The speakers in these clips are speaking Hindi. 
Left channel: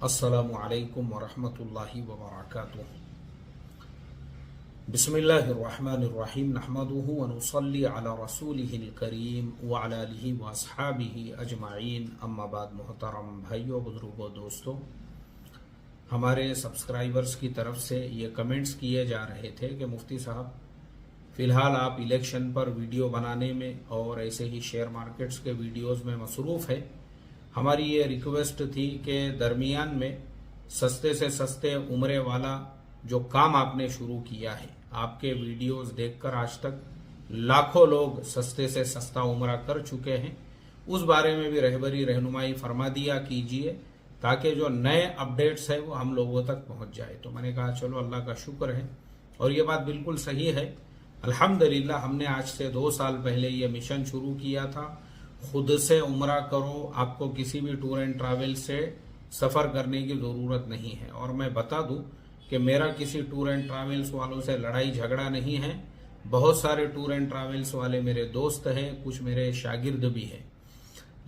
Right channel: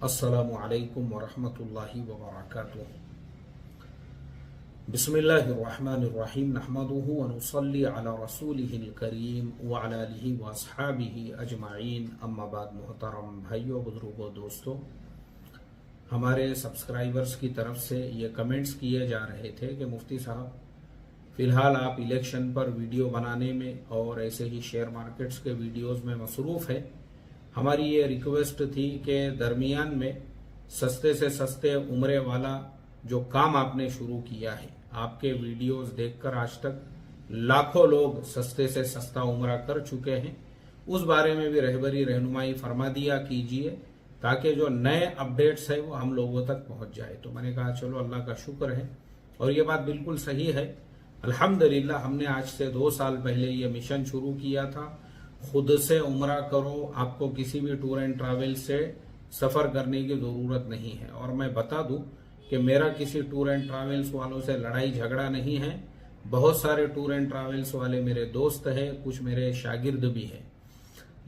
अस्सलामु अलैकुम वरहमतुल्लाहि वबरकातुह। बिस्मिल्लाहिर्रहमानिर्रहीम नहमदुहु व नुसल्ली अला रसूलिहिल करीम व अला आलिहि व अस्हाबिहि अजमाइन, अम्मा बाद। मोहतरम भाइयों, बुजुर्गों, दोस्तों, हमारे सब्सक्राइबर्स की तरफ से ये कमेंट्स किए जा रहे थे कि मुफ्ती साहब, फिलहाल आप इलेक्शन पर वीडियो बनाने में और ऐसे ही शेयर मार्केट्स के वीडियोस में मसरूफ है। हमारी ये रिक्वेस्ट थी कि दरमियान में सस्ते से सस्ते उम्रे वाला जो काम आपने शुरू किया है, आपके वीडियोस देखकर आज तक लाखों लोग सस्ते से सस्ता उम्रा कर चुके हैं, उस बारे में भी रहबरी रहनुमाई फरमा दिया कीजिए ताकि जो नए अपडेट्स है वो हम लोगों तक पहुंच जाए। तो मैंने कहा चलो, अल्लाह का शुक्र है और ये बात बिल्कुल सही है। अल्हम्दुलिल्लाह, हमने आज से 2 साल पहले ये मिशन शुरू किया था, खुद से उम्रा करो, आपको किसी भी टूर एंड ट्रैवल से सफर करने की जरूरत नहीं है। और मैं बता दूं कि मेरा किसी टूर एंड ट्रैवल्स वालों से लड़ाई झगड़ा नहीं है। बहुत सारे टूर एंड ट्रैवल्स वाले मेरे दोस्त हैं, कुछ मेरे शागिर्द भी हैं।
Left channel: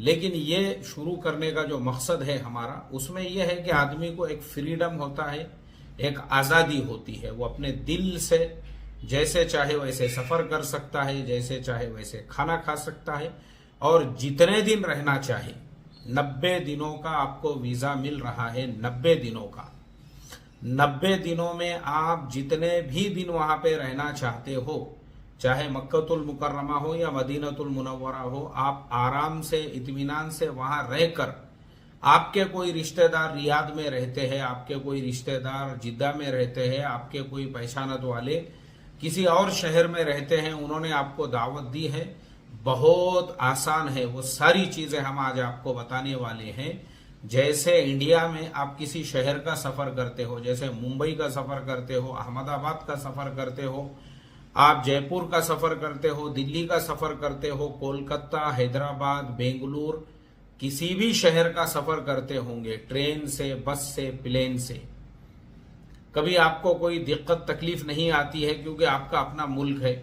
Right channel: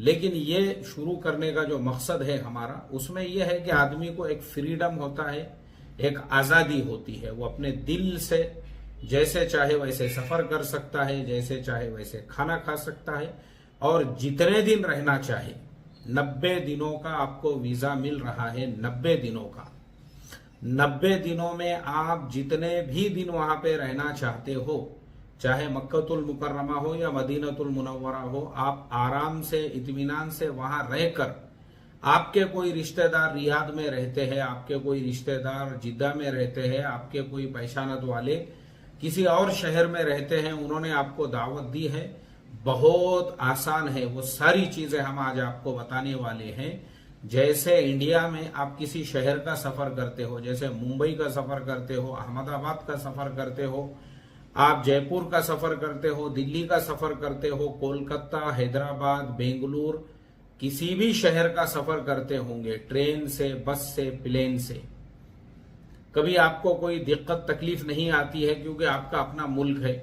लेकिन ये शुरू करने का जो मकसद है हमारा, उसमें यह है कि आदमी को एक फ्रीडम होता है, एक आजादी होती है। वो अपने दिल से जैसे चाहे वैसे सफर कर सकता है, जैसे चाहे वैसे खाना खा सकता है और जितने दिन रहना चाहे। 90 दिनों का आपको वीजा मिल रहा है, 90 दिनों का। 90 दिनों में आप जितने भी दिन वहां पे रहना चाहते हो, चाहे मक्कतुल मुकर्रमा हो या मदीनतुल मुनव्वरा हो, आप आराम से इत्मीनान से वहां रहकर, आपके कोई रिश्तेदार रियाद में रहते हैं, आपके कोई रिश्तेदार जिद्दा में रहते हैं, आपके कोई पहचानत वाले किसी और शहर में रहते हैं, उन्होंने आपको दावत दी है, बहुत आसान है। वो सारी चीजें हम आज आपको बताने वाले हैं। जैसे इंडिया में आप किसी शहर का सफर करते हो, जैसे मुंबई का सफर करते हो, अहमदाबाद का सफर करते हो, आप जयपुर का सफर करते हो, दिल्ली का सफर करते हो, कोलकाता, हैदराबाद, बेंगलुरु, किसी भी शहर का सफर करते होंगे, ट्रेन से, बस से, प्लेन से, कभी आपको कोई दिक्कत तकलीफ नहीं आती है क्योंकि आपका अपना मुल्क है।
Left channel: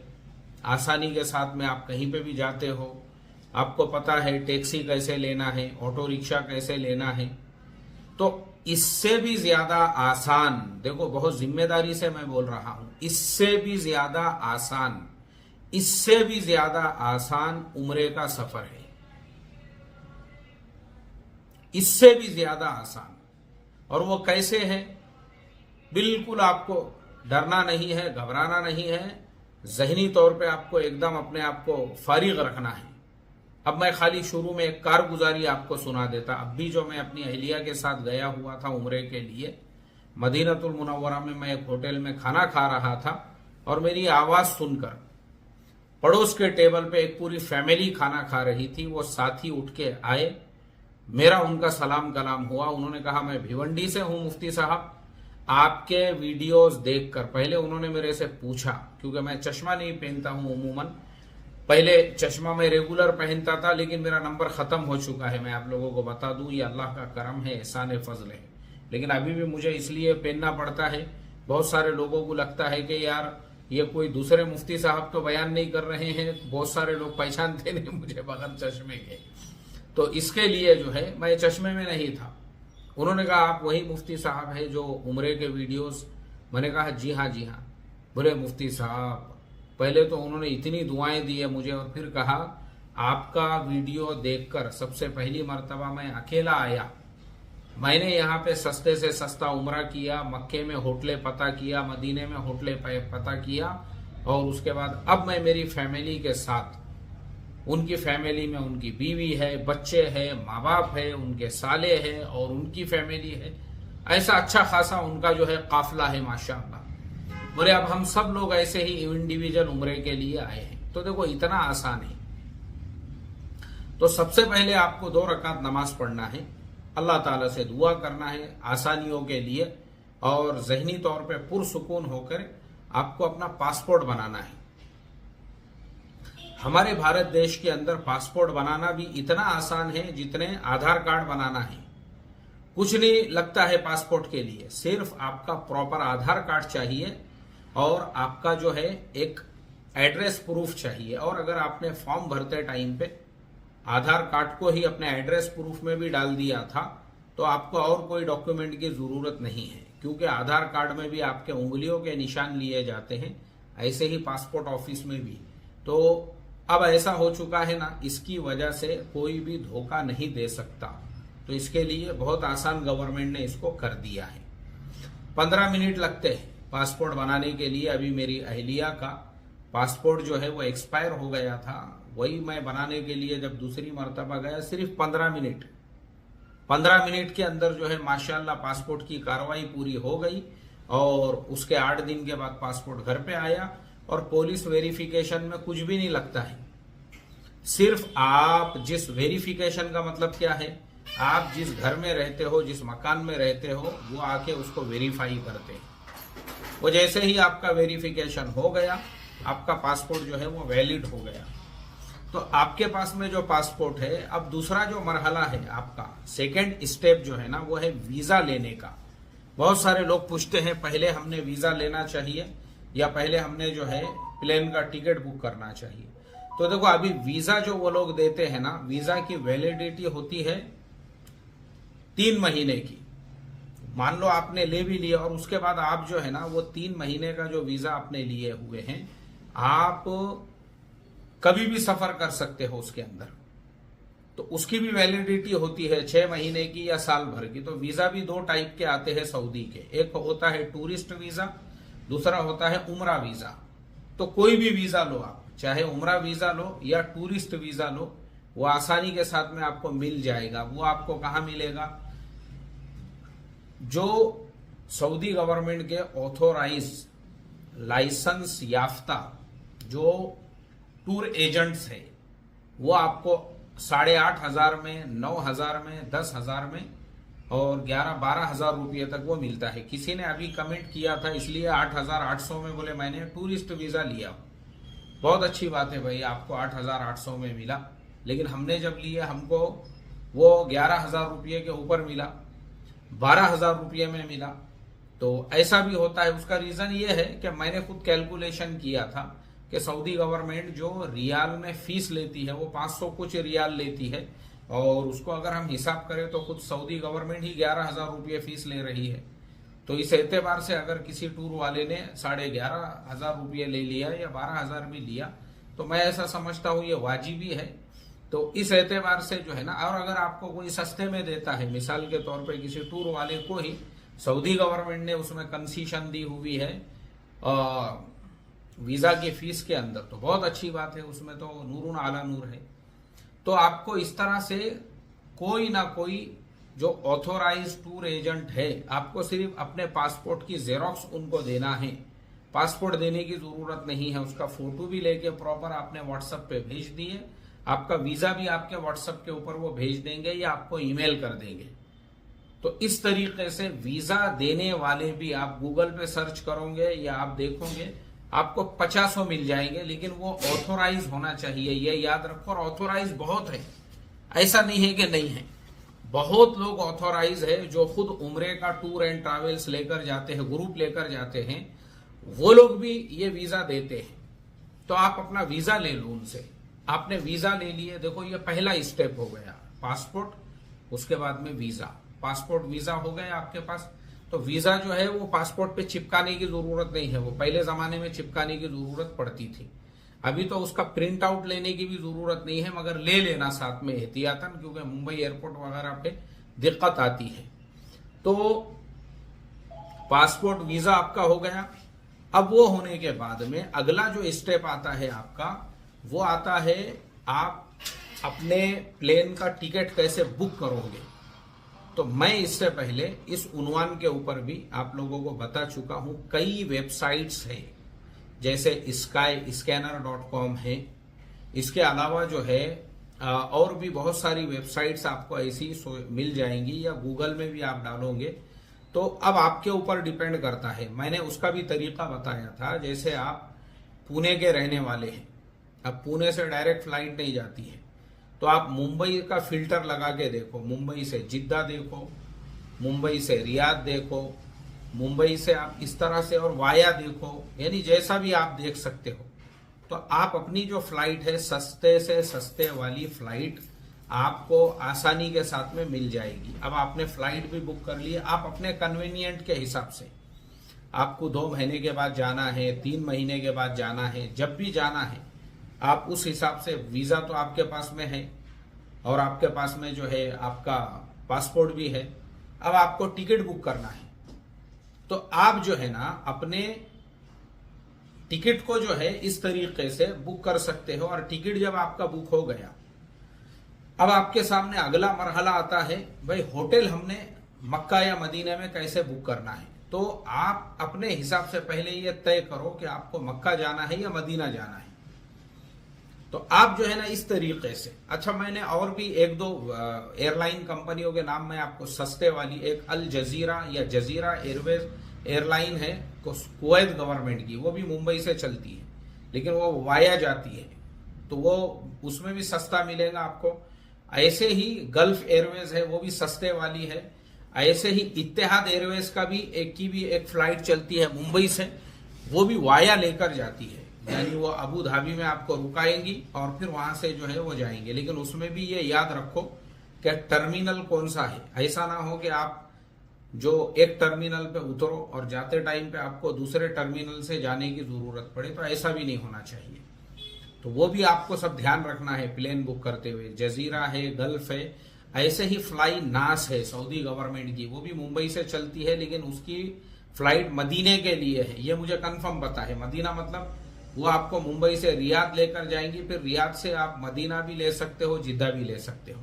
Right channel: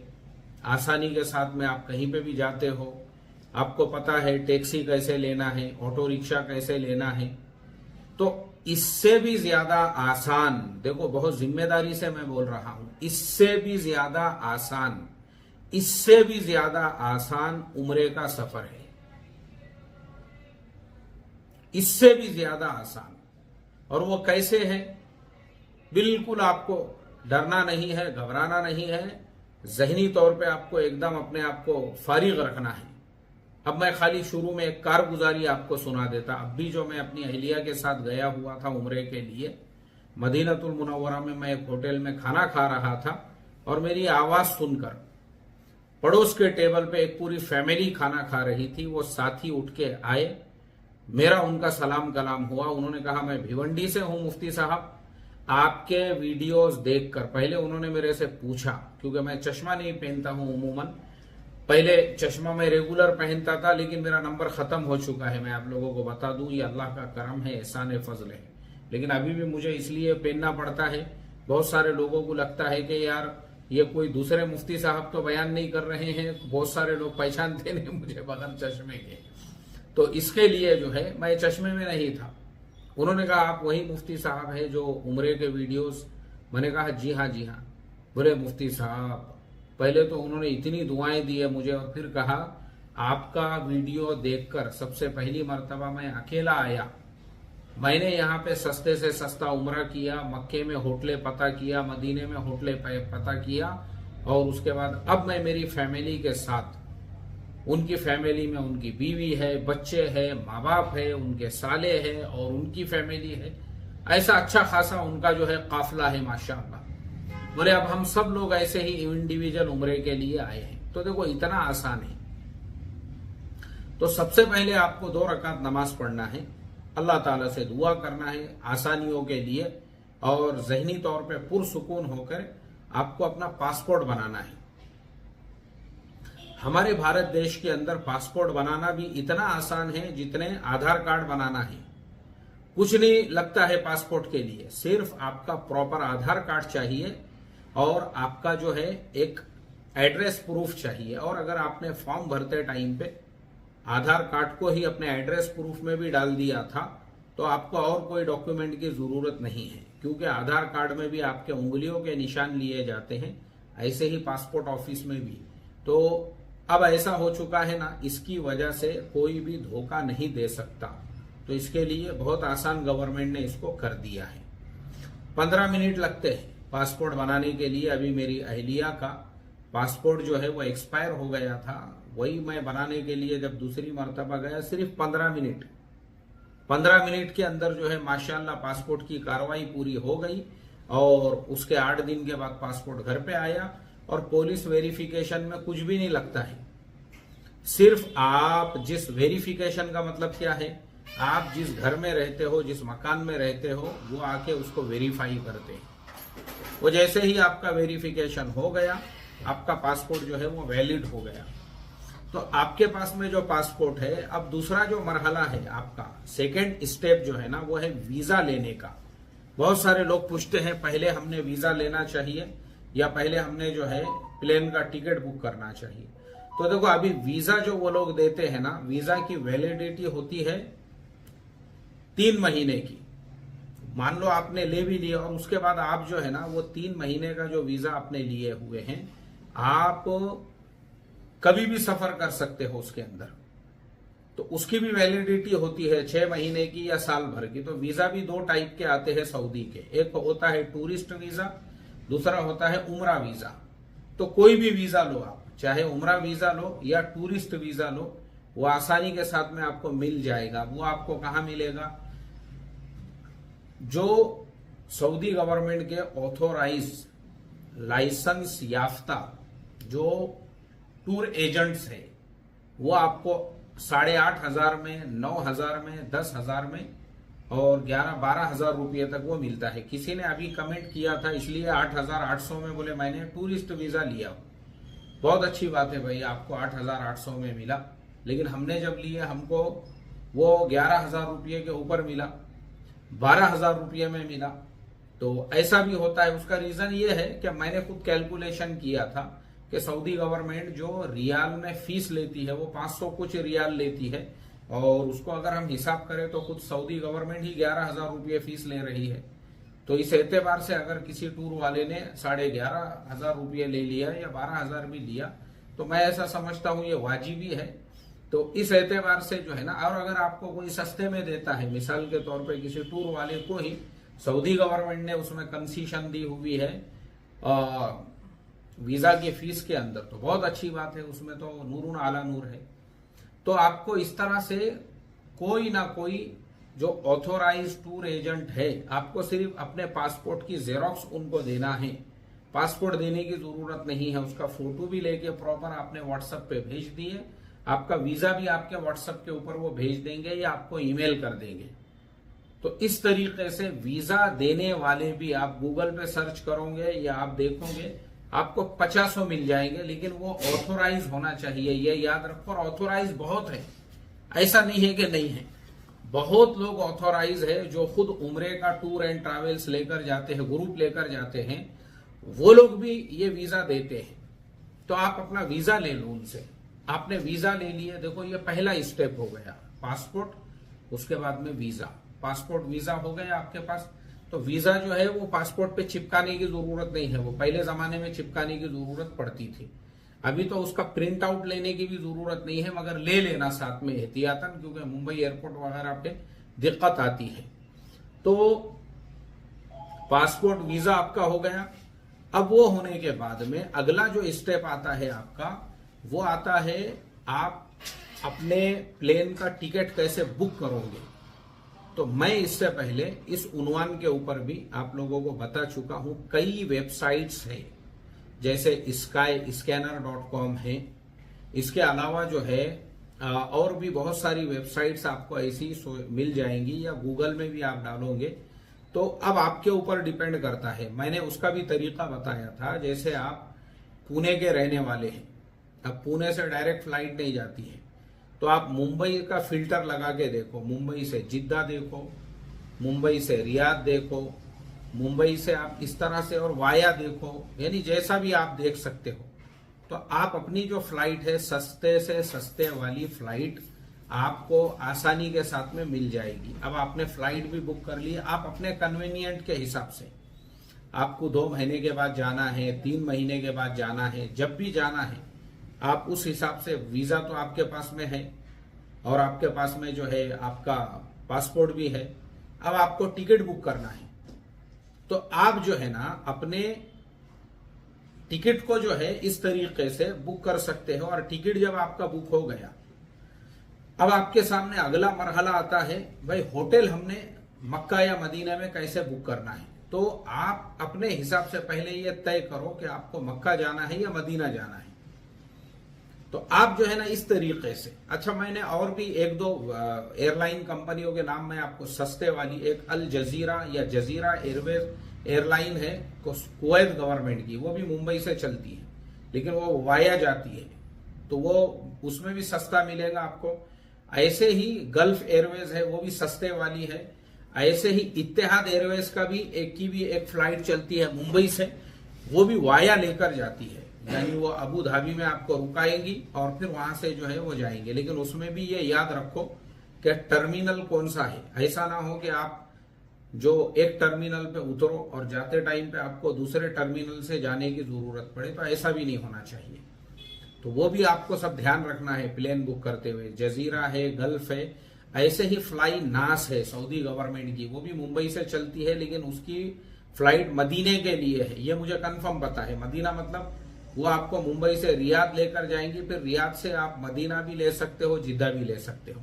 आसानी के साथ में आप कहीं पे भी जाते हो, आपको पता है टैक्सी कैसे लेना है, ऑटो रिक्शा कैसे लेना है। तो इससे भी ज्यादा आसान, देखो बहुत जिम्मेदारी से मैं बोल रहा हूं, इससे भी ज्यादा आसान, इससे भी ज्यादा आसान उम्रे का सफर है, इससे भी ज्यादा आसान। और वो कैसे है? बिल्कुल आपको डरना नहीं है, घबराना नहीं है, ज़हनी तौर पे आपको एकदम अपने आप को फारिग रखना है। अब मैं खाली शुरू में एक कारगुजारी आपको सुना देता। अब भी जो मैं अपनी अहलिया के साथ गया हुआ था उम्रे के लिए, मदीनतुल मुनव्वरा में मैं एक होटल में खाना खा रहा था और मेरी आवाज सुनकर पड़ोस के टेबल पे एक पूरी फैमिली खाना खा रही थी। वो साथी उठ के आए, मेरा उनका सलाम कलाम हुआ। उन्होंने कहा, मैं भिवंडी से हूं मुफ्ती साहब, आपके वीडियोस देखकर। पहले उन्होंने मेरे से पूछा, क्योंकि मैं चश्मा नहीं पहनता हूं उमूमन, पहले चश्मा मैं रेगुलर पहनता था, लेकिन मेरा नंबर खत्म हो चुका है। मैं आप लोगों को बता दूं, ये अल्लाह का करम है, एहसान फजल है। लेकिन अभी भी मुझे इसलिए पहनना पड़ता है, बहुत सारे लोगों को लगता है कि यार ये कोई दूसरे मुफ्ती साहब तो बयान नहीं कर रहे हैं, बहुत सारे लोग पहचानते नहीं मुझे बगैर चश्मे के। तो इसके लिए जो है मैं चश्मे में नहीं था। उन्होंने कहा, आप वही मुफ्ती साहब है जो उम्रे के वीडियोस? मैंने कहा, जी हाँ जी हाँ। बोले, मुफ्ती साहब, पहले तो उन्होंने इतनी दुआएं दी है मुझे और फिर कहा, आपका वीडियो देखकर सबसे पहली मर्तबा मैं अकेला आया, मैंने यहाँ पे सस्ते से सस्ता उम्रा किया, मक्के में होटलें पता किया, मदीने में होटलें पता किया, और उसके बाद अब मैं मेरी फैमिली के साथ, उनकी फैमिली में उनकी बीवी है, बच्चे हैं, माँ बाप है, उनके साले हैं और उनकी फैमिली है, ऐसा अच्छा खासा उनका जो है काफिला है माशाअल्लाह। बोले, अब हम सब लोग ऐसे ही इंडिविजुअल उम्रे के लिए आए हैं। तो देखो, इतना आसान है। तो सबसे पहले आपको 2 रकात नमाज पढ़ना है, अल्लाह ताला से दुआ करना है आसानियों के लिए, और जहनी तौर पे पुरसुकून होकर आपको अपना पासपोर्ट बनाना है। हमारे भारत देश के अंदर पासपोर्ट बनाना भी इतना आसान है जितने आधार कार्ड बनाना है। कुछ नहीं लगता है पासपोर्ट के लिए, सिर्फ आपका प्रॉपर आधार कार्ड चाहिए और आपका जो है एक एड्रेस प्रूफ चाहिए। और अगर आपने फॉर्म भरते टाइम पे आधार कार्ड को ही अपने एड्रेस प्रूफ में भी डाल दिया था तो आपको और कोई डॉक्यूमेंट की जरूरत नहीं है, क्योंकि आधार कार्ड में भी आपके उंगलियों के निशान लिए जाते हैं, ऐसे ही पासपोर्ट ऑफिस में भी। तो अब ऐसा हो चुका है ना, इसकी वजह से कोई भी धोखा नहीं दे सकता। तो इसके लिए बहुत आसान गवर्नमेंट ने इसको कर दिया है। 15 मिनट लगते हैं पासपोर्ट बनाने के लिए। अभी मेरी अहलिया का पासपोर्ट जो है वो एक्सपायर हो गया था, वही मैं बनाने के लिए जब दूसरी मर्तबा गया, सिर्फ 15 मिनट के अंदर जो है माशाल्लाह पासपोर्ट की कार्रवाई पूरी हो गई। और उसके 8 दिन के बाद पासपोर्ट घर पे आया। और पुलिस वेरिफिकेशन में कुछ भी नहीं लगता है, सिर्फ आप जिस वेरिफिकेशन का मतलब क्या है, आप जिस घर में रहते हो, जिस मकान में रहते हो, वो आके उसको वेरीफाई करते हैं। वो जैसे ही आपका वेरिफिकेशन हो गया, आपका पासपोर्ट जो है वो वैलिड हो गया। तो आपके पास में जो पासपोर्ट है, अब दूसरा जो मरहला है आपका, सेकेंड स्टेप जो है ना, वो है वीजा लेने का। बहुत सारे लोग पूछते हैं पहले हमने वीजा लेना चाहिए या पहले हमने जो है प्लेन का टिकट बुक करना चाहिए। तो देखो, अभी वीजा जो वो लोग देते हैं ना, वीजा की वैलिडिटी होती है 3 महीने की। मान लो आपने ले भी लिया और उसके बाद आप जो है ना, वो 3 महीने का जो वीजा आपने लिए हुए हैं, आप कभी भी सफर कर सकते हो उसके अंदर। तो उसकी भी वैलिडिटी होती है 6 महीने की या साल भर की। तो वीजा भी 2 टाइप के आते हैं सऊदी के, एक होता है टूरिस्ट वीजा, दूसरा होता है उम्रा वीजा। तो कोई भी वीजा लो आप, चाहे उम्रा वीजा लो या टूरिस्ट वीजा लो, वो आसानी के साथ में आपको मिल जाएगा। वो आपको कहां मिलेगा? जो सऊदी गवर्नमेंट के ऑथोराइज लाइसेंस याफ्ता जो टूर एजेंट्स है, वो आपको 8,500 में, 9,000 में, 10,000 में और 11-12,000 रुपये तक वो मिलता है। किसी ने अभी कमेंट किया था, इसलिए 8,800 में बोले मैंने टूरिस्ट वीजा लिया। बहुत अच्छी बात है भाई, आपको 8,800 में मिला, लेकिन हमने जब लिया हमको वो 11,000 रुपये के ऊपर मिला, 12,000 रुपये में मिला। तो ऐसा भी होता है। उसका रीजन ये है कि मैंने खुद कैलकुलेशन किया था कि सऊदी गवर्नमेंट जो रियाल में फीस लेती है वो 500 कुछ रियाल लेती है, और उसको अगर हम हिसाब करें तो खुद सऊदी गवर्नमेंट ही 11,000 रुपये फीस ले रही है। तो इस एतबार से अगर किसी टूर वाले ने 11,500 रुपये ले लिया या 12,000 भी लिया, तो मैं ऐसा समझता हूं ये वाजिबी है। तो इस एतबार से जो है ना, और अगर आपको कोई सस्ते में देता है, मिसाल के तौर पे किसी टूर वाले को ही सऊदी गवर्नमेंट ने उसमें कंसीशन दी हुई है वीजा की फीस के अंदर, तो बहुत अच्छी बात है, उसमें तो नूरुन आला नूर है। तो आपको इस तरह से कोई ना कोई जो ऑथोराइज टूर एजेंट है, आपको सिर्फ अपने पासपोर्ट की जेरोक्स उनको देना है। पासपोर्ट देने की जरूरत नहीं है, उसका फोटो भी लेके प्रॉपर आपने व्हाट्सएप पे भेज दिए, आपका वीजा भी आपके व्हाट्सएप के ऊपर वो भेज देंगे या आपको ईमेल कर देंगे। तो इस तरीके से वीजा देने वाले भी आप गूगल पे सर्च करोगे या आप देखोगे, आपको 50 मिल जाएंगे, लेकिन वो ऑथोराइज होना चाहिए, ये याद रखो। और ऑथोराइज बहुत है, ऐसा नहीं है कि नहीं है। बहुत लोग ऑथोराइज है जो खुद उम्रे का टूर एंड ट्रैवल्स लेकर जाते हैं, ग्रुप लेकर जाते हैं, वो लोग भी ये वीजा देते हैं। तो आप अपना वीजा ले लो उनसे। आपने वीजा ले लिए, देखो ये पहला स्टेप हो गया, पासपोर्ट, उसके बाद में वीजा। पासपोर्ट वीजा हो गया आपके पास। तो वीजा जो है वो पासपोर्ट पे चिपकाने की जरूरत नहीं है, वो पहले जमाने में चिपकाने की जरूरत पड़ती थी। अभी तो उसका प्रिंट आउट लेने की भी जरूरत नहीं है, मगर ले लेना साथ में एहतियातन, क्योंकि मुंबई एयरपोर्ट वगैरह पे दिक्कत आती है। तो पासपोर्ट वीजा आपका हो गया। अब वो होने के बाद में अगला जो स्टेप आता है आपका, वो आता है आप अपने प्लेन का टिकट कैसे बुक करोगे। तो मैं इससे पहले इस उन्वान के ऊपर भी आप लोगों को बता चुका हूं। कई वेबसाइट्स हैं, जैसे skyscanner.com है, इसके अलावा जो है और भी बहुत सारी वेबसाइट्स आपको ऐसी मिल जाएंगी, या गूगल में भी आप डालोगे। तो अब आपके ऊपर डिपेंड करता है, मैंने उसका भी तरीका बताया था। जैसे आप पुणे के रहने वाले हैं, अब पुणे से डायरेक्ट फ्लाइट नहीं जाती है, तो आप मुंबई का फिल्टर लगा के देखो, मुंबई से जिद्दा देखो, मुंबई से रियाद देखो, मुंबई से आप इस तरह से और वाया देखो, यानी जैसा भी आप देख सकते हो। तो आप अपनी जो फ्लाइट है, सस्ते से सस्ते वाली फ्लाइट आपको आसानी के साथ में मिल जाएगी। अब आपने फ्लाइट भी बुक कर ली, आप अपने कन्वीनियंट के हिसाब से, आपको 2 महीने के बाद जाना है, 3 महीने के बाद जाना है, जब भी जाना है आप उस हिसाब से, वीजा तो आपके पास में है और आपके पास में जो है आपका पासपोर्ट भी है। अब आपको टिकट बुक करना है तो आप जो है ना अपने टिकट को जो है इस तरीके से बुक कर सकते हो। और टिकट जब आपका बुक हो गया, अब आपके सामने अगला मरहला आता है, भाई होटल हमने मक्का या मदीना में कैसे बुक करना है। तो आप अपने हिसाब से पहले ये तय करो कि आपको मक्का जाना है या मदीना जाना है। तो आप जो है ना इस तरीके से, अच्छा मैंने और भी 1-2 एयरलाइन कंपनियों के नाम मैं आपको सस्ते वाली, एक अल जजीरा या जजीरा एयरवेज एयरलाइन है कुवैत गवर्नमेंट की, वो भी मुंबई से चलती है लेकिन वो वाया जाती है, तो वो उसमें भी सस्ता मिलेगा आपको। ऐसे ही गल्फ एयरवेज है, वो भी सस्ते वाली है। ऐसे ही इत्तेहाद एयरवेज का भी एक फ्लाइट चलती है मुंबई से, वो भी वाया लेकर जाती है, यानी वो अबू धाबी में आपको रुकाएंगी और फिर वहां से जो है वो जाएंगे। लेकिन उसमें भी ये याद रखो कि टर्मिनल कौन सा है। ऐसा ना हो कि आप जो एक टर्मिनल पे उतरो और जाते टाइम पे आपको दूसरे टर्मिनल से जाने की जरूरत पड़े, तो ऐसा भी नहीं होना चाहिए। तो वो भी आपको सब ध्यान रखना है प्लेन बुक करते हुए। जजीरा है, गल्फ है, ऐसे ही फ्लाई नास है सऊदी गवर्नमेंट की, वो भी मुंबई से चलती है लेकिन उसकी फ्लाइट मदीने के लिए है, ये मुझे कंफर्म पता है। मदीना मतलब वो आपको मुंबई से रियाद लेकर जाएंगी, फिर रियाद से आप मदीना भी ले सकते हो, जिद्दा भी ले सकते हो,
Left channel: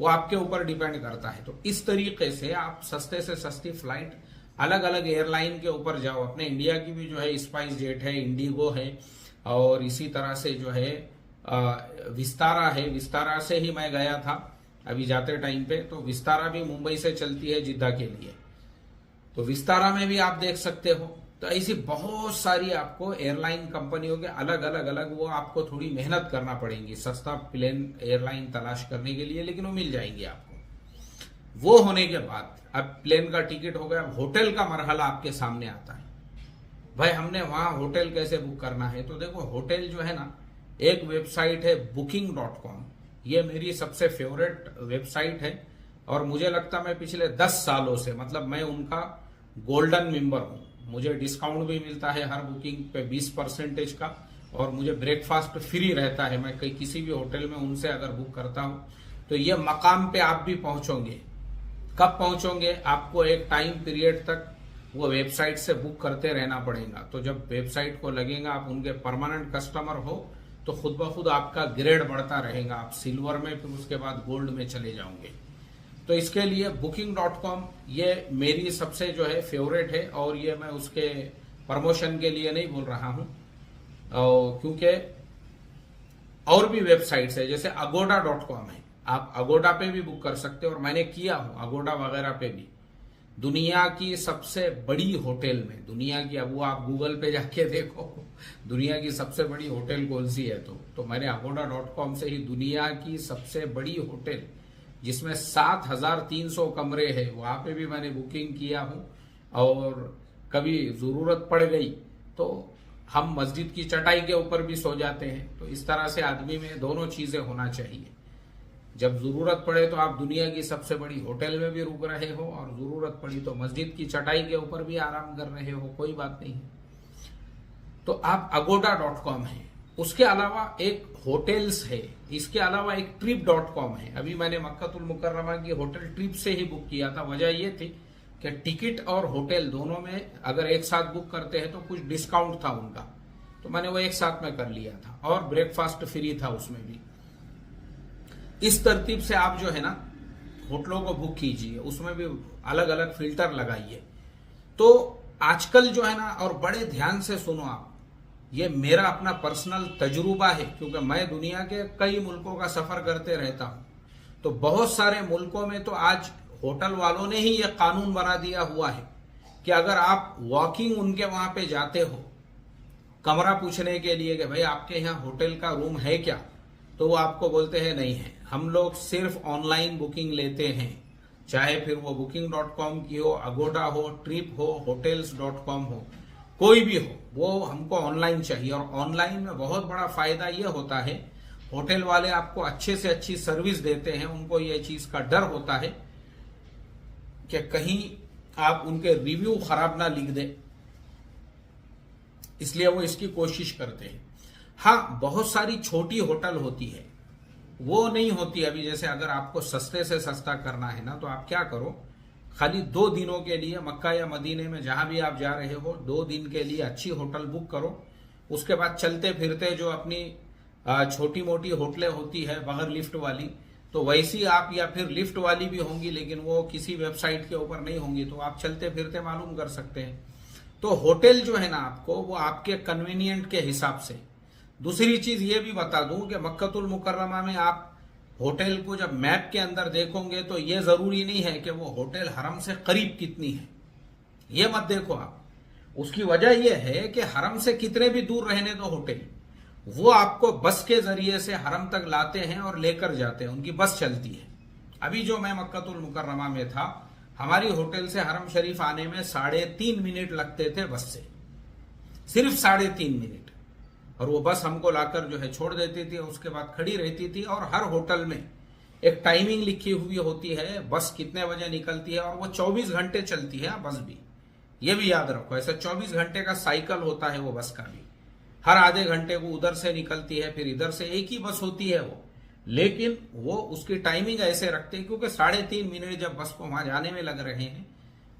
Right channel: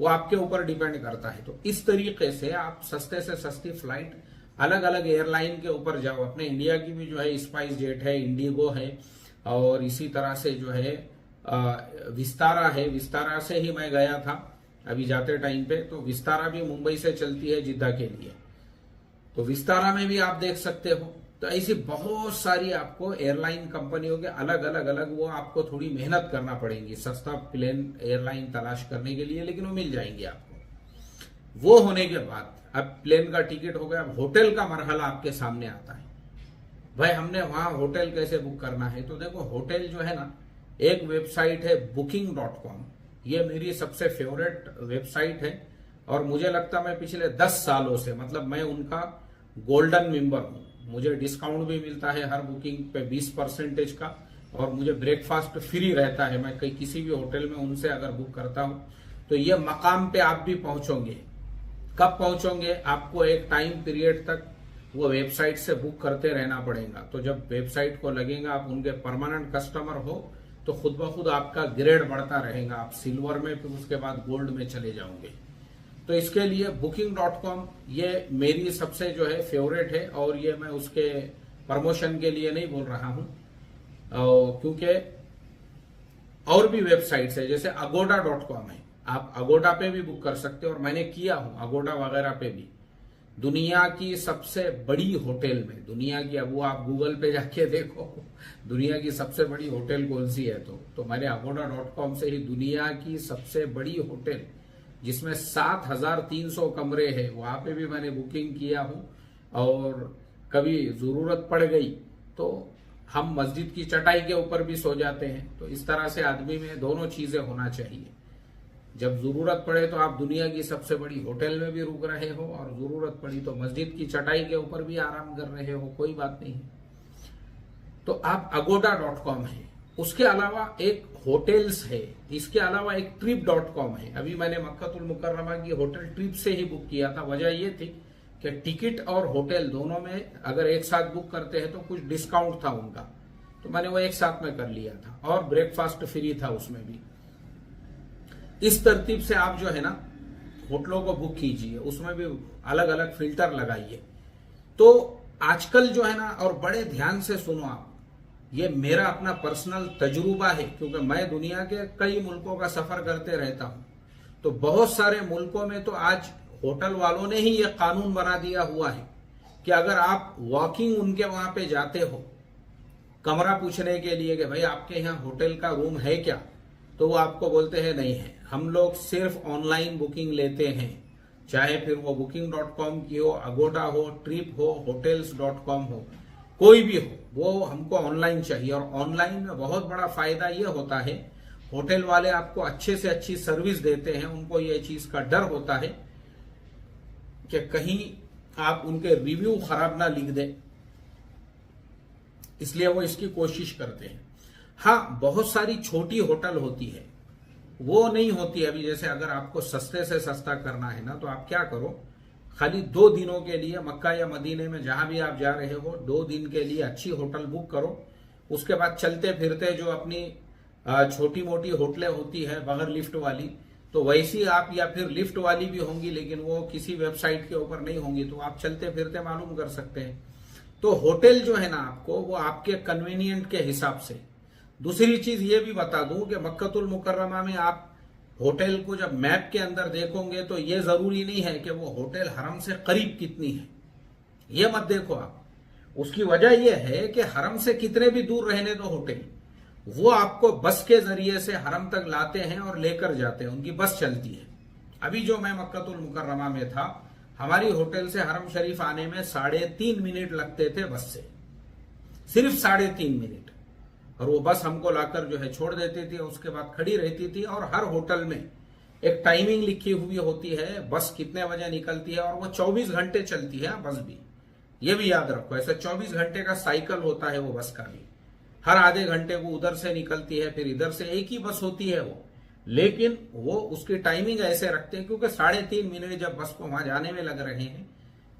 वो आपके ऊपर डिपेंड करता है। तो इस तरीके से आप सस्ते से सस्ती फ्लाइट अलग अलग एयरलाइन के ऊपर जाओ। अपने इंडिया की भी जो है स्पाइस जेट है, इंडिगो है, और इसी तरह से जो है विस्तारा है। विस्तारा से ही मैं गया था अभी जाते टाइम पे, तो विस्तारा भी मुंबई से चलती है जिद्दा के लिए, तो विस्तारा में भी आप देख सकते हो। तो ऐसी बहुत सारी आपको एयरलाइन कंपनियों के अलग वो आपको थोड़ी मेहनत करना पड़ेगी सस्ता प्लेन एयरलाइन तलाश करने के लिए, लेकिन वो मिल जाएंगी आपको। वो होने के बाद अब प्लेन का टिकट हो गया, अब होटल का मरहला आपके सामने आता है। भाई हमने वहां होटल कैसे बुक करना है, तो देखो होटल जो है ना, एक वेबसाइट है booking.com, ये मेरी सबसे फेवरेट वेबसाइट है और मुझे लगता मैं पिछले 10 सालों से, मतलब मैं उनका गोल्डन मेंबर हूं। मुझे डिस्काउंट भी मिलता है हर बुकिंग पे 20% का, और मुझे ब्रेकफास्ट फ्री रहता है। मैं कहीं किसी भी होटल में उनसे अगर बुक करता हूं तो ये मकाम पे आप भी पहुंचोगे। कब पहुंचोगे, आपको एक टाइम पीरियड तक वो वेबसाइट से बुक करते रहना पड़ेगा। तो जब वेबसाइट को लगेगा आप उनके परमानेंट कस्टमर हो, तो खुद ब खुद आपका ग्रेड बढ़ता रहेगा, आप सिल्वर में फिर उसके बाद गोल्ड में चले जाओगे। तो इसके लिए booking.com ये मेरी सबसे जो है फेवरेट है, और ये मैं उसके प्रमोशन के लिए नहीं बोल रहा हूं, क्योंकि और भी वेबसाइट्स है, जैसे agoda.com है, आप अगोडा पे भी बुक कर सकते हो, और मैंने किया हूं अगोडा वगैरह पे भी। दुनिया की सबसे बड़ी होटल में, दुनिया की, अब वो आप गूगल पे जाके देखो दुनिया की सबसे बड़ी होटल कौन सी है, तो मैंने agoda.com से ही दुनिया की सबसे बड़ी होटल जिसमें 7,300 कमरे हैं, वहां पे भी मैंने बुकिंग किया हूं। और कभी जरूरत पड़ गई तो हम मस्जिद की चटाई के ऊपर भी सो जाते हैं। तो इस तरह से आदमी में दोनों चीजें होना चाहिए, जब जरूरत पड़े तो आप दुनिया की सबसे बड़ी होटल में भी रुक रहे हो, और जरूरत पड़ी तो मस्जिद की चटाई के ऊपर भी आराम कर रहे हो, कोई बात नहीं। तो आप agoda.com है। उसके अलावा एक होटल्स है, इसके अलावा एक trip.com है। अभी मैंने मक्कातुल मुकर्रमा की होटल ट्रिप से ही बुक किया था। वजह ये थी कि टिकट और होटल दोनों में अगर एक साथ बुक करते हैं तो कुछ डिस्काउंट था उनका, तो मैंने वो एक साथ में कर लिया था, और ब्रेकफास्ट फ्री था उसमें भी। इस तरतीब से आप जो है ना होटलों को बुक कीजिए, उसमें भी अलग अलग फिल्टर लगाइए। तो आजकल जो है ना, और बड़े ध्यान से सुनो आप, ये मेरा अपना पर्सनल तजुर्बा है, क्योंकि मैं दुनिया के कई मुल्कों का सफर करते रहता हूं। तो बहुत सारे मुल्कों में तो आज होटल वालों ने ही ये कानून बना दिया हुआ है कि अगर आप वॉकिंग उनके वहां पे जाते हो कमरा पूछने के लिए कि भाई आपके यहाँ होटल का रूम है क्या, तो वो आपको बोलते हैं नहीं है, हम लोग सिर्फ ऑनलाइन बुकिंग लेते हैं, चाहे फिर वो booking.com की हो, अगोडा हो, ट्रिप हो, hotels.com हो, कोई भी हो, वो हमको ऑनलाइन चाहिए। और ऑनलाइन में बहुत बड़ा फायदा ये होता है, होटल वाले आपको अच्छे से अच्छी सर्विस देते हैं, उनको ये चीज का डर होता है कि कहीं आप उनके रिव्यू खराब ना लिख दें, इसलिए वो इसकी कोशिश करते हैं। हाँ, बहुत सारी छोटी होटल होती है, वो नहीं होती। अभी जैसे अगर आपको सस्ते से सस्ता करना है ना, तो आप क्या करो, खाली 2 दिनों के लिए मक्का या मदीने में जहां भी आप जा रहे हो 2 दिन के लिए अच्छी होटल बुक करो। उसके बाद चलते फिरते जो अपनी छोटी मोटी होटलें होती है बगैर लिफ्ट वाली, तो वैसी आप, या फिर लिफ्ट वाली भी होंगी लेकिन वो किसी वेबसाइट के ऊपर नहीं होंगी, तो आप चलते फिरते मालूम कर सकते हैं। तो होटल जो है ना आपको, वो आपके कन्वीनियंट के हिसाब से। दूसरी चीज ये भी बता दूं कि मक्कतुल मुकर्रमा में आप होटल को जब मैप के अंदर देखोगे तो ये जरूरी नहीं है कि वो होटल हरम से करीब कितनी है, ये मत देखो आप। उसकी वजह यह है कि हरम से कितने भी दूर रहने दो होटल, वो आपको बस के जरिए से हरम तक लाते हैं और लेकर जाते हैं, उनकी बस चलती है। अभी जो मैं मक्कतुल मुकर्रमा में था, हमारी होटल से हरम शरीफ आने में 3.5 मिनट लगते थे बस से, सिर्फ 3.5 मिनट। और वो बस हमको लाकर जो है छोड़ देती थी, उसके बाद खड़ी रहती थी। और हर होटल में एक टाइमिंग लिखी हुई होती है, बस कितने बजे निकलती है, और वो 24 घंटे चलती है बस भी। ये भी याद रखो, ऐसा 24 घंटे का साइकिल होता है वो बस का भी। हर आधे घंटे वो उधर से निकलती है, फिर इधर से, एक ही बस होती है वो, लेकिन वो उसकी टाइमिंग ऐसे रखते हैं क्योंकि 3.5 मिनट जब बस को वहां जाने में लग रहे हैं,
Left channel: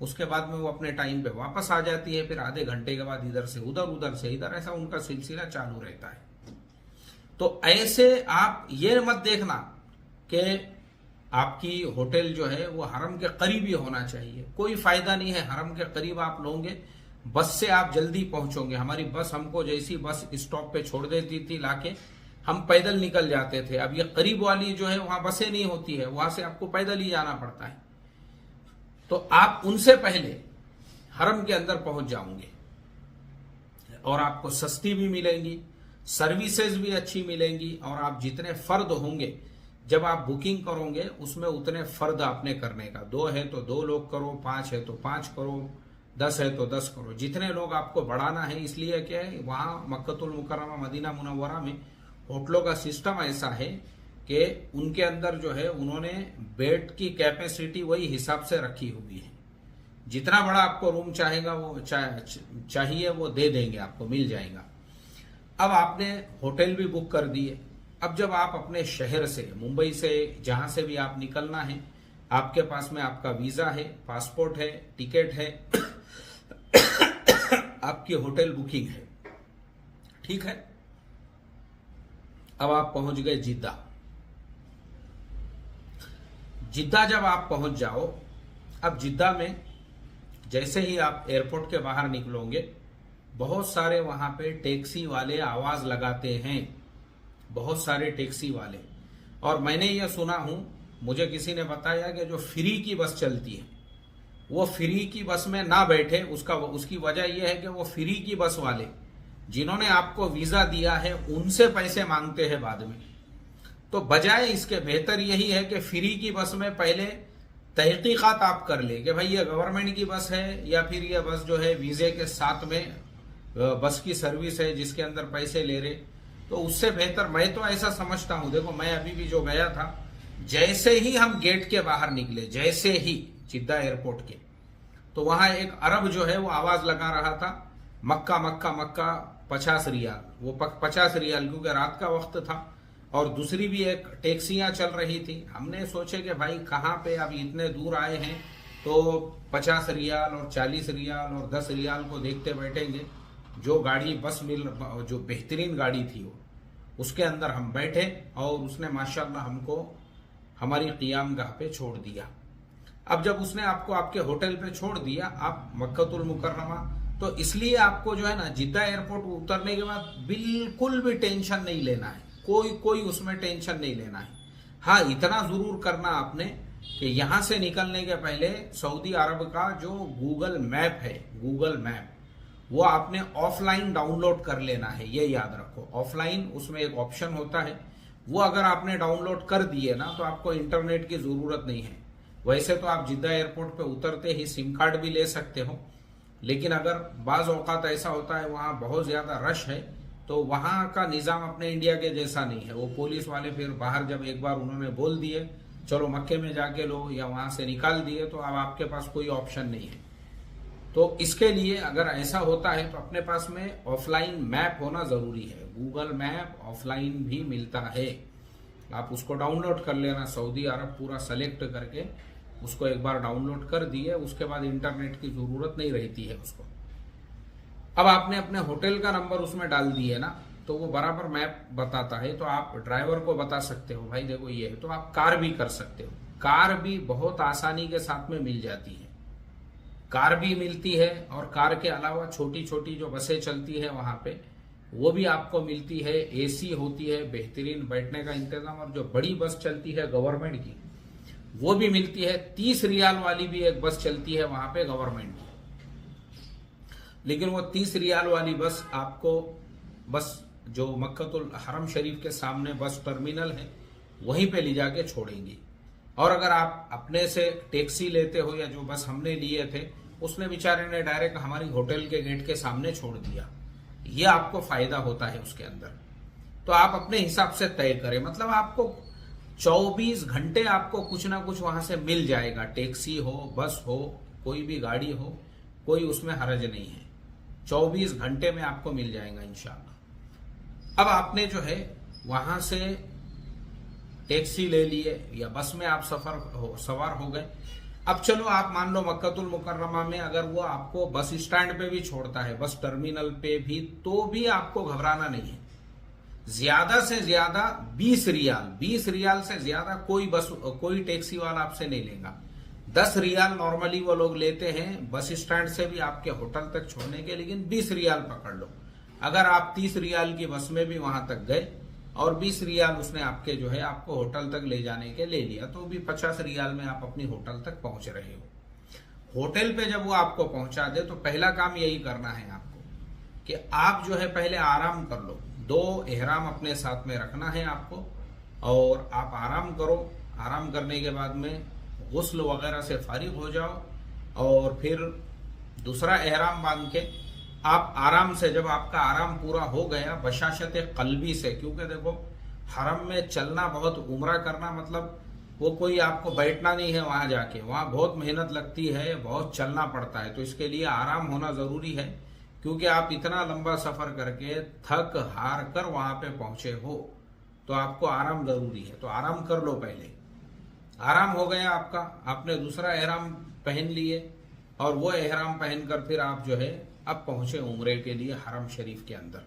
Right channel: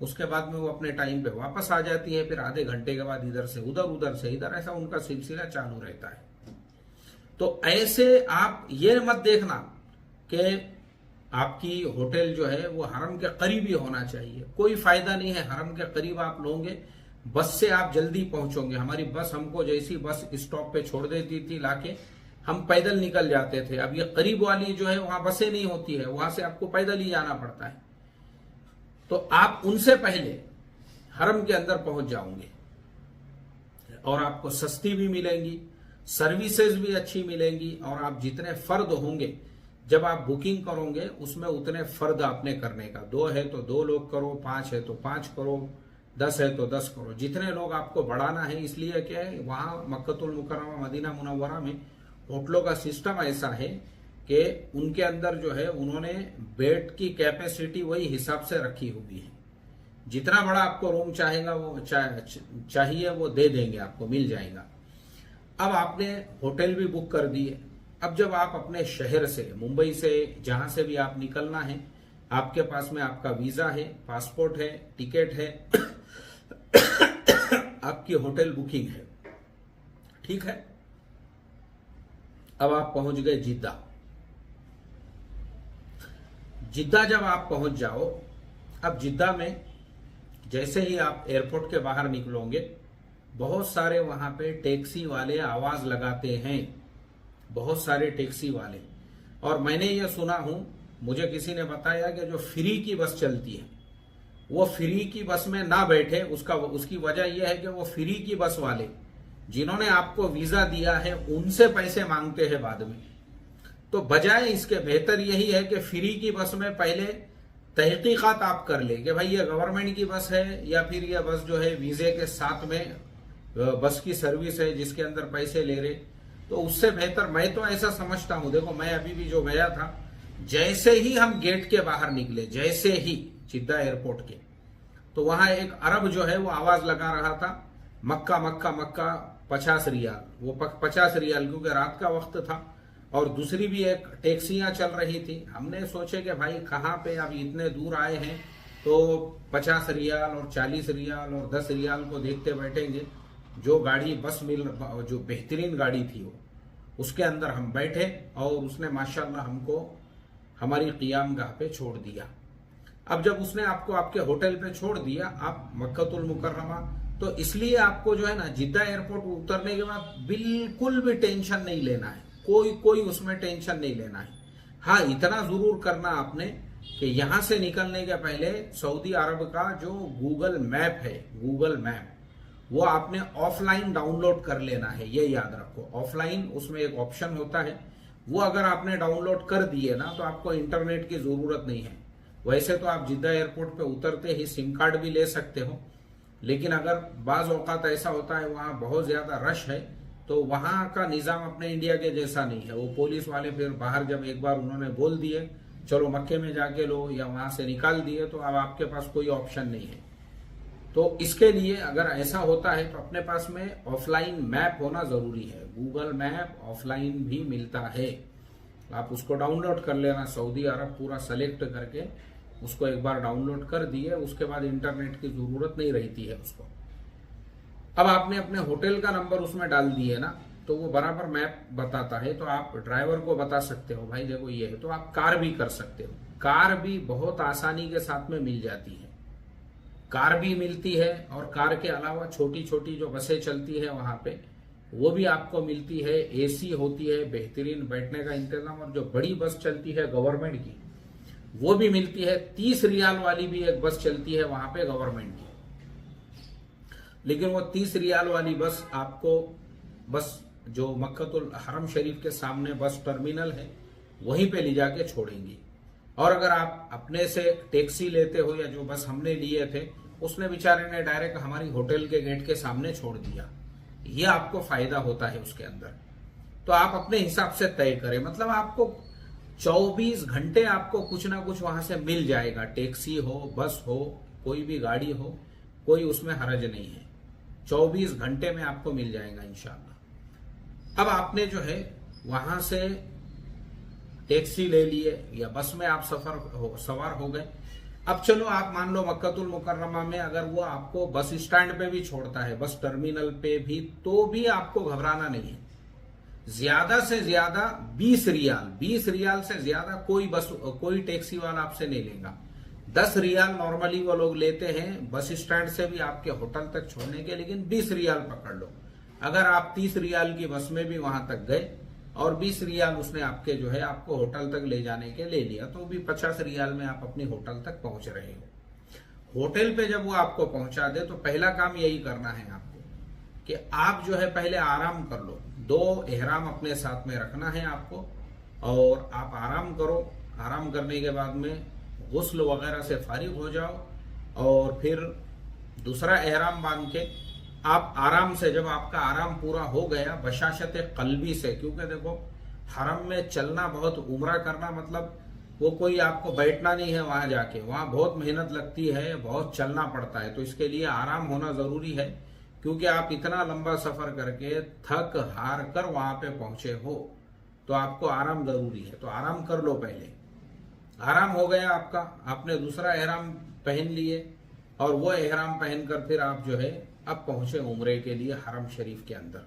उसके बाद में वो अपने टाइम पे वापस आ जाती है, फिर आधे घंटे के बाद इधर से उधर, उधर से इधर, ऐसा उनका सिलसिला चालू रहता है। तो ऐसे आप ये मत देखना कि आपकी होटल जो है वो हरम के करीब ही होना चाहिए, कोई फायदा नहीं है। हरम के करीब आप लोगे, बस से आप जल्दी पहुंचोगे। हमारी बस हमको जैसी बस स्टॉप पे छोड़ देती थी लाके, हम पैदल निकल जाते थे। अब ये करीब वाली जो है वहां बसें नहीं होती है, वहां से आपको पैदल ही जाना पड़ता है, तो आप उनसे पहले हरम के अंदर पहुंच जाओगे और आपको सस्ती भी मिलेंगी, सर्विसेज भी अच्छी मिलेंगी। और आप जितने फर्द होंगे जब आप बुकिंग करोगे, उसमें उतने फर्द आपने करने का, 2 है तो 2 लोग करो, 5 है तो 5 करो, 10 है तो 10 करो, जितने लोग आपको बढ़ाना है। इसलिए क्या है, वहां मक्कतुल मुकर्रमा मदीना मुनव्वरा में होटलों का सिस्टम ऐसा है कि उनके अंदर जो है उन्होंने बेड की कैपेसिटी वही हिसाब से रखी हुई है। जितना बड़ा आपको रूम चाहेगा वो चाहिए वो दे देंगे, आपको मिल जाएगा। अब आपने होटल भी बुक कर दिए। अब जब आप अपने शहर से, मुंबई से, जहां से भी आप निकलना है, आपके पास में आपका वीजा है, पासपोर्ट है, टिकट है, आपकी होटल बुकिंग है, ठीक है। अब आप पहुंच गए जिद्दा। जिद्दा जब आप पहुंच जाओ, अब जिद्दा में जैसे ही आप एयरपोर्ट के बाहर निकलोगे, बहुत सारे वहां पे टैक्सी वाले आवाज लगाते हैं, बहुत सारे टैक्सी वाले। और मैंने यह सुना हूं, मुझे किसी ने बताया कि जो फ्री की बस चलती है, वो फ्री की बस में ना बैठे। उसकी वजह यह है कि वो फ्री की बस वाले जिन्होंने आपको वीजा दिया है उनसे पैसे मांगते हैं बाद में। तो बजाय इसके बेहतर यही है कि फ्री की बस में पहले तहकीकात आप कर ले कि भाई ये गवर्नमेंट की बस है या फिर ये बस जो है वीजे के साथ में बस की सर्विस है जिसके अंदर पैसे ले रहे। तो उससे बेहतर मैं तो ऐसा समझता हूं, देखो मैं अभी भी जो गया था, जैसे ही हम गेट के बाहर निकले, जैसे ही जिद्दा एयरपोर्ट के, तो वहां एक अरब जो है वो आवाज लगा रहा था, मक्का मक्का मक्का 50 रियाल। वो 50 रियाल क्योंकि रात का वक्त था। और दूसरी भी एक टैक्सियां चल रही थी। हमने सोचे कि भाई कहाँ पे अब इतने दूर आए हैं तो 50 रियाल और 40 रियाल और 10 रियाल को देखते बैठेंगे। जो गाड़ी बस जो बेहतरीन गाड़ी थी वो, उसके अंदर हम बैठे और उसने माशाल्लाह हमको हमारी क़ियामगाह पे छोड़ दिया। अब जब उसने आपको आपके होटल पे छोड़ दिया, आप मक्कतुल मुकर्रमा, तो इसलिए आपको जो है ना जिद्दा एयरपोर्ट उतरने के बाद बिल्कुल भी टेंशन नहीं लेना है, कोई उसमें टेंशन नहीं लेना है। हाँ, इतना जरूर करना आपने कि यहां से निकलने के पहले सऊदी अरब का जो गूगल मैप है, गूगल मैप, वो आपने ऑफलाइन डाउनलोड कर लेना है, ये याद रखो। ऑफलाइन उसमें एक ऑप्शन होता है, वो अगर आपने डाउनलोड कर दिए ना तो आपको इंटरनेट की जरूरत नहीं है। वैसे तो आप जिद्दा एयरपोर्ट पे उतरते ही सिम कार्ड भी ले सकते हो, लेकिन अगर बाज औकात ऐसा होता है वहां बहुत ज्यादा रश है तो वहां का निजाम अपने इंडिया के जैसा नहीं है। वो पुलिस वाले फिर बाहर जब एक बार उन्होंने बोल दिए चलो मक्के में जाके लो या वहां से निकाल दिए, तो अब आपके पास कोई ऑप्शन नहीं है। तो इसके लिए अगर ऐसा होता है तो अपने पास में ऑफलाइन मैप होना जरूरी है। गूगल मैप ऑफलाइन भी मिलता है, आप उसको डाउनलोड कर लेना। सऊदी अरब पूरा सेलेक्ट करके उसको एक बार डाउनलोड कर दिए, उसके बाद इंटरनेट की जरूरत नहीं रहती है उसको। अब आपने अपने होटल का नंबर उसमें डाल दिए ना, तो वो बराबर मैप बताता है। तो आप ड्राइवर को बता सकते हो भाई देखो ये है, तो आप कार भी कर सकते हो। कार भी बहुत आसानी के साथ में मिल जाती है, कार भी मिलती है। और कार के अलावा छोटी छोटी जो बसें चलती है वहां पे वो भी आपको मिलती है। एसी होती है, बेहतरीन बैठने का इंतजाम। और जो बड़ी बस चलती है गवर्नमेंट की वो भी मिलती है। 30 रियाल वाली भी एक बस चलती है वहां पे गवर्नमेंट की, लेकिन वो 30 रियाल वाली बस आपको बस जो मक्कतुल हरम शरीफ के सामने बस टर्मिनल है वहीं पे ले जाके छोड़ेंगी। और अगर आप अपने से टैक्सी लेते हो या जो बस हमने लिए थे उसने बेचारे ने डायरेक्ट हमारी होटल के गेट के सामने छोड़ दिया, ये आपको फायदा होता है उसके अंदर। तो आप अपने हिसाब से तय करें, मतलब आपको 24 घंटे आपको कुछ ना कुछ वहां से मिल जाएगा। टैक्सी हो, बस हो, कोई भी गाड़ी हो, कोई उसमें हरज नहीं है। 24 घंटे में आपको मिल जाएगा इंशाल्लाह। अब आपने जो है वहां से टैक्सी ले लिए या बस में आप सवार हो गए। अब चलो आप मान लो मक्कतुल मुकर्रमा में अगर वो आपको बस स्टैंड पे भी छोड़ता है, बस टर्मिनल पे भी, तो भी आपको घबराना नहीं है। ज्यादा से ज्यादा 20 रियाल से ज्यादा कोई टैक्सी वाला आपसे नहीं लेगा। 10 रियाल नॉर्मली वो लोग लेते हैं बस स्टैंड से भी आपके होटल तक छोड़ने के, लेकिन 20 रियाल पकड़ लो। अगर आप 30 रियाल की बस में भी वहां तक गए और 20 रियाल उसने आपके जो है आपको होटल तक ले जाने के ले लिया, तो भी 50 रियाल में आप अपनी होटल तक पहुंच रहे हो। होटल पे जब वो आपको पहुंचा दे तो पहला काम यही करना है आपको कि आप जो है पहले आराम कर लो। 2 एहराम अपने साथ में रखना है आपको और आप आराम करो। आराम करने के बाद में गुस्ल वगैरह से फारिग हो जाओ और फिर दूसरा एहराम बांध के आप आराम से, जब आपका आराम पूरा हो गया बशाशत कल्बी से, क्योंकि देखो हरम में चलना बहुत उम्रा करना मतलब वो कोई आपको बैठना नहीं है वहां जाके, वहां बहुत मेहनत लगती है, बहुत चलना पड़ता है। तो इसके लिए आराम होना जरूरी है, क्योंकि आप इतना लंबा सफर करके थक हार कर वहां पे पहुंचे हो, तो आपको आराम जरूरी है। तो आराम कर लो पहले। आराम हो गया आपका, आपने दूसरा एहराम पहन लिए और वो एहराम पहनकर फिर आप जो है अब पहुंचे उम्रे के लिए हरम शरीफ के अंदर।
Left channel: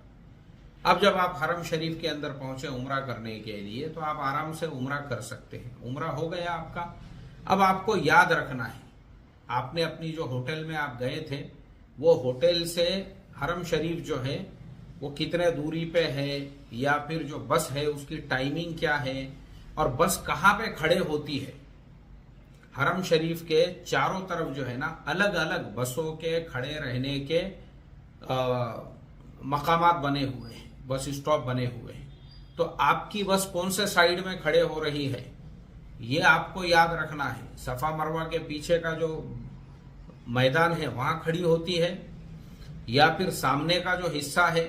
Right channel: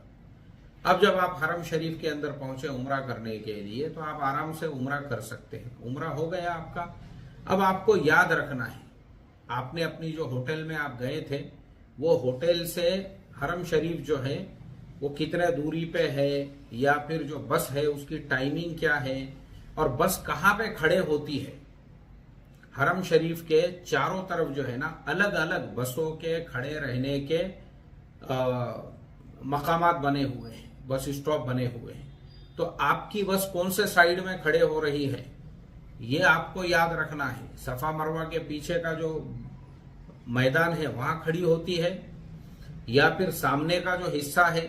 अब जब आप हरम शरीफ के अंदर पहुंचे उम्रा करने के लिए, तो आप आराम से उम्रा कर सकते हैं। उम्रा हो गया आपका। अब आपको याद रखना है, आपने अपनी जो होटल में आप गए थे वो होटल से हरम शरीफ जो है वो कितने दूरी पे है, या फिर जो बस है उसकी टाइमिंग क्या है, और बस कहाँ पे खड़े होती है। हरम शरीफ के चारों तरफ जो है ना अलग अलग बसों के खड़े रहने के मकामात बने हुए हैं, बस स्टॉप बने हुए हैं। तो आपकी बस कौन से साइड में खड़े हो रही है ये आपको याद रखना है। सफा मरवा के पीछे का जो मैदान है वहां खड़ी होती है, या फिर सामने का जो हिस्सा है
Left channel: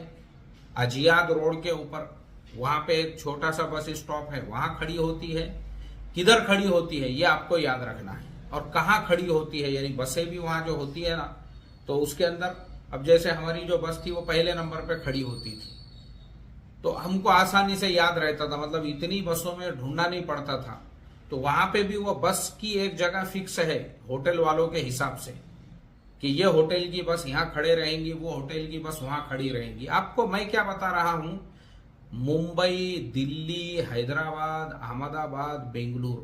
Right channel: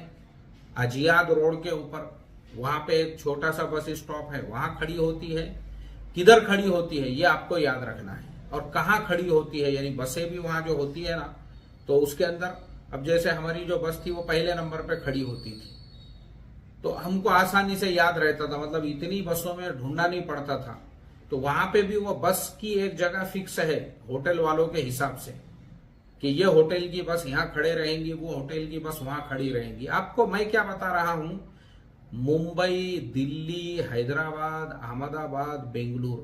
अजियाद रोड के ऊपर वहां पे एक छोटा सा बस स्टॉप है वहां खड़ी होती है। किधर खड़ी होती है ये आपको याद रखना है, और कहाँ खड़ी होती है, यानी बसें भी वहां जो होती है ना, तो उसके अंदर अब जैसे हमारी जो बस थी वो पहले नंबर पे खड़ी होती थी, तो हमको आसानी से याद रहता था, मतलब इतनी बसों में ढूंढना नहीं पड़ता था। तो वहां पे भी वो बस की एक जगह फिक्स है होटल वालों के हिसाब से कि ये होटल की बस यहाँ खड़े रहेंगी, वो होटल की बस वहां खड़ी रहेंगी। आपको मैं क्या बता रहा हूं, मुंबई, दिल्ली, हैदराबाद, अहमदाबाद, बेंगलुरु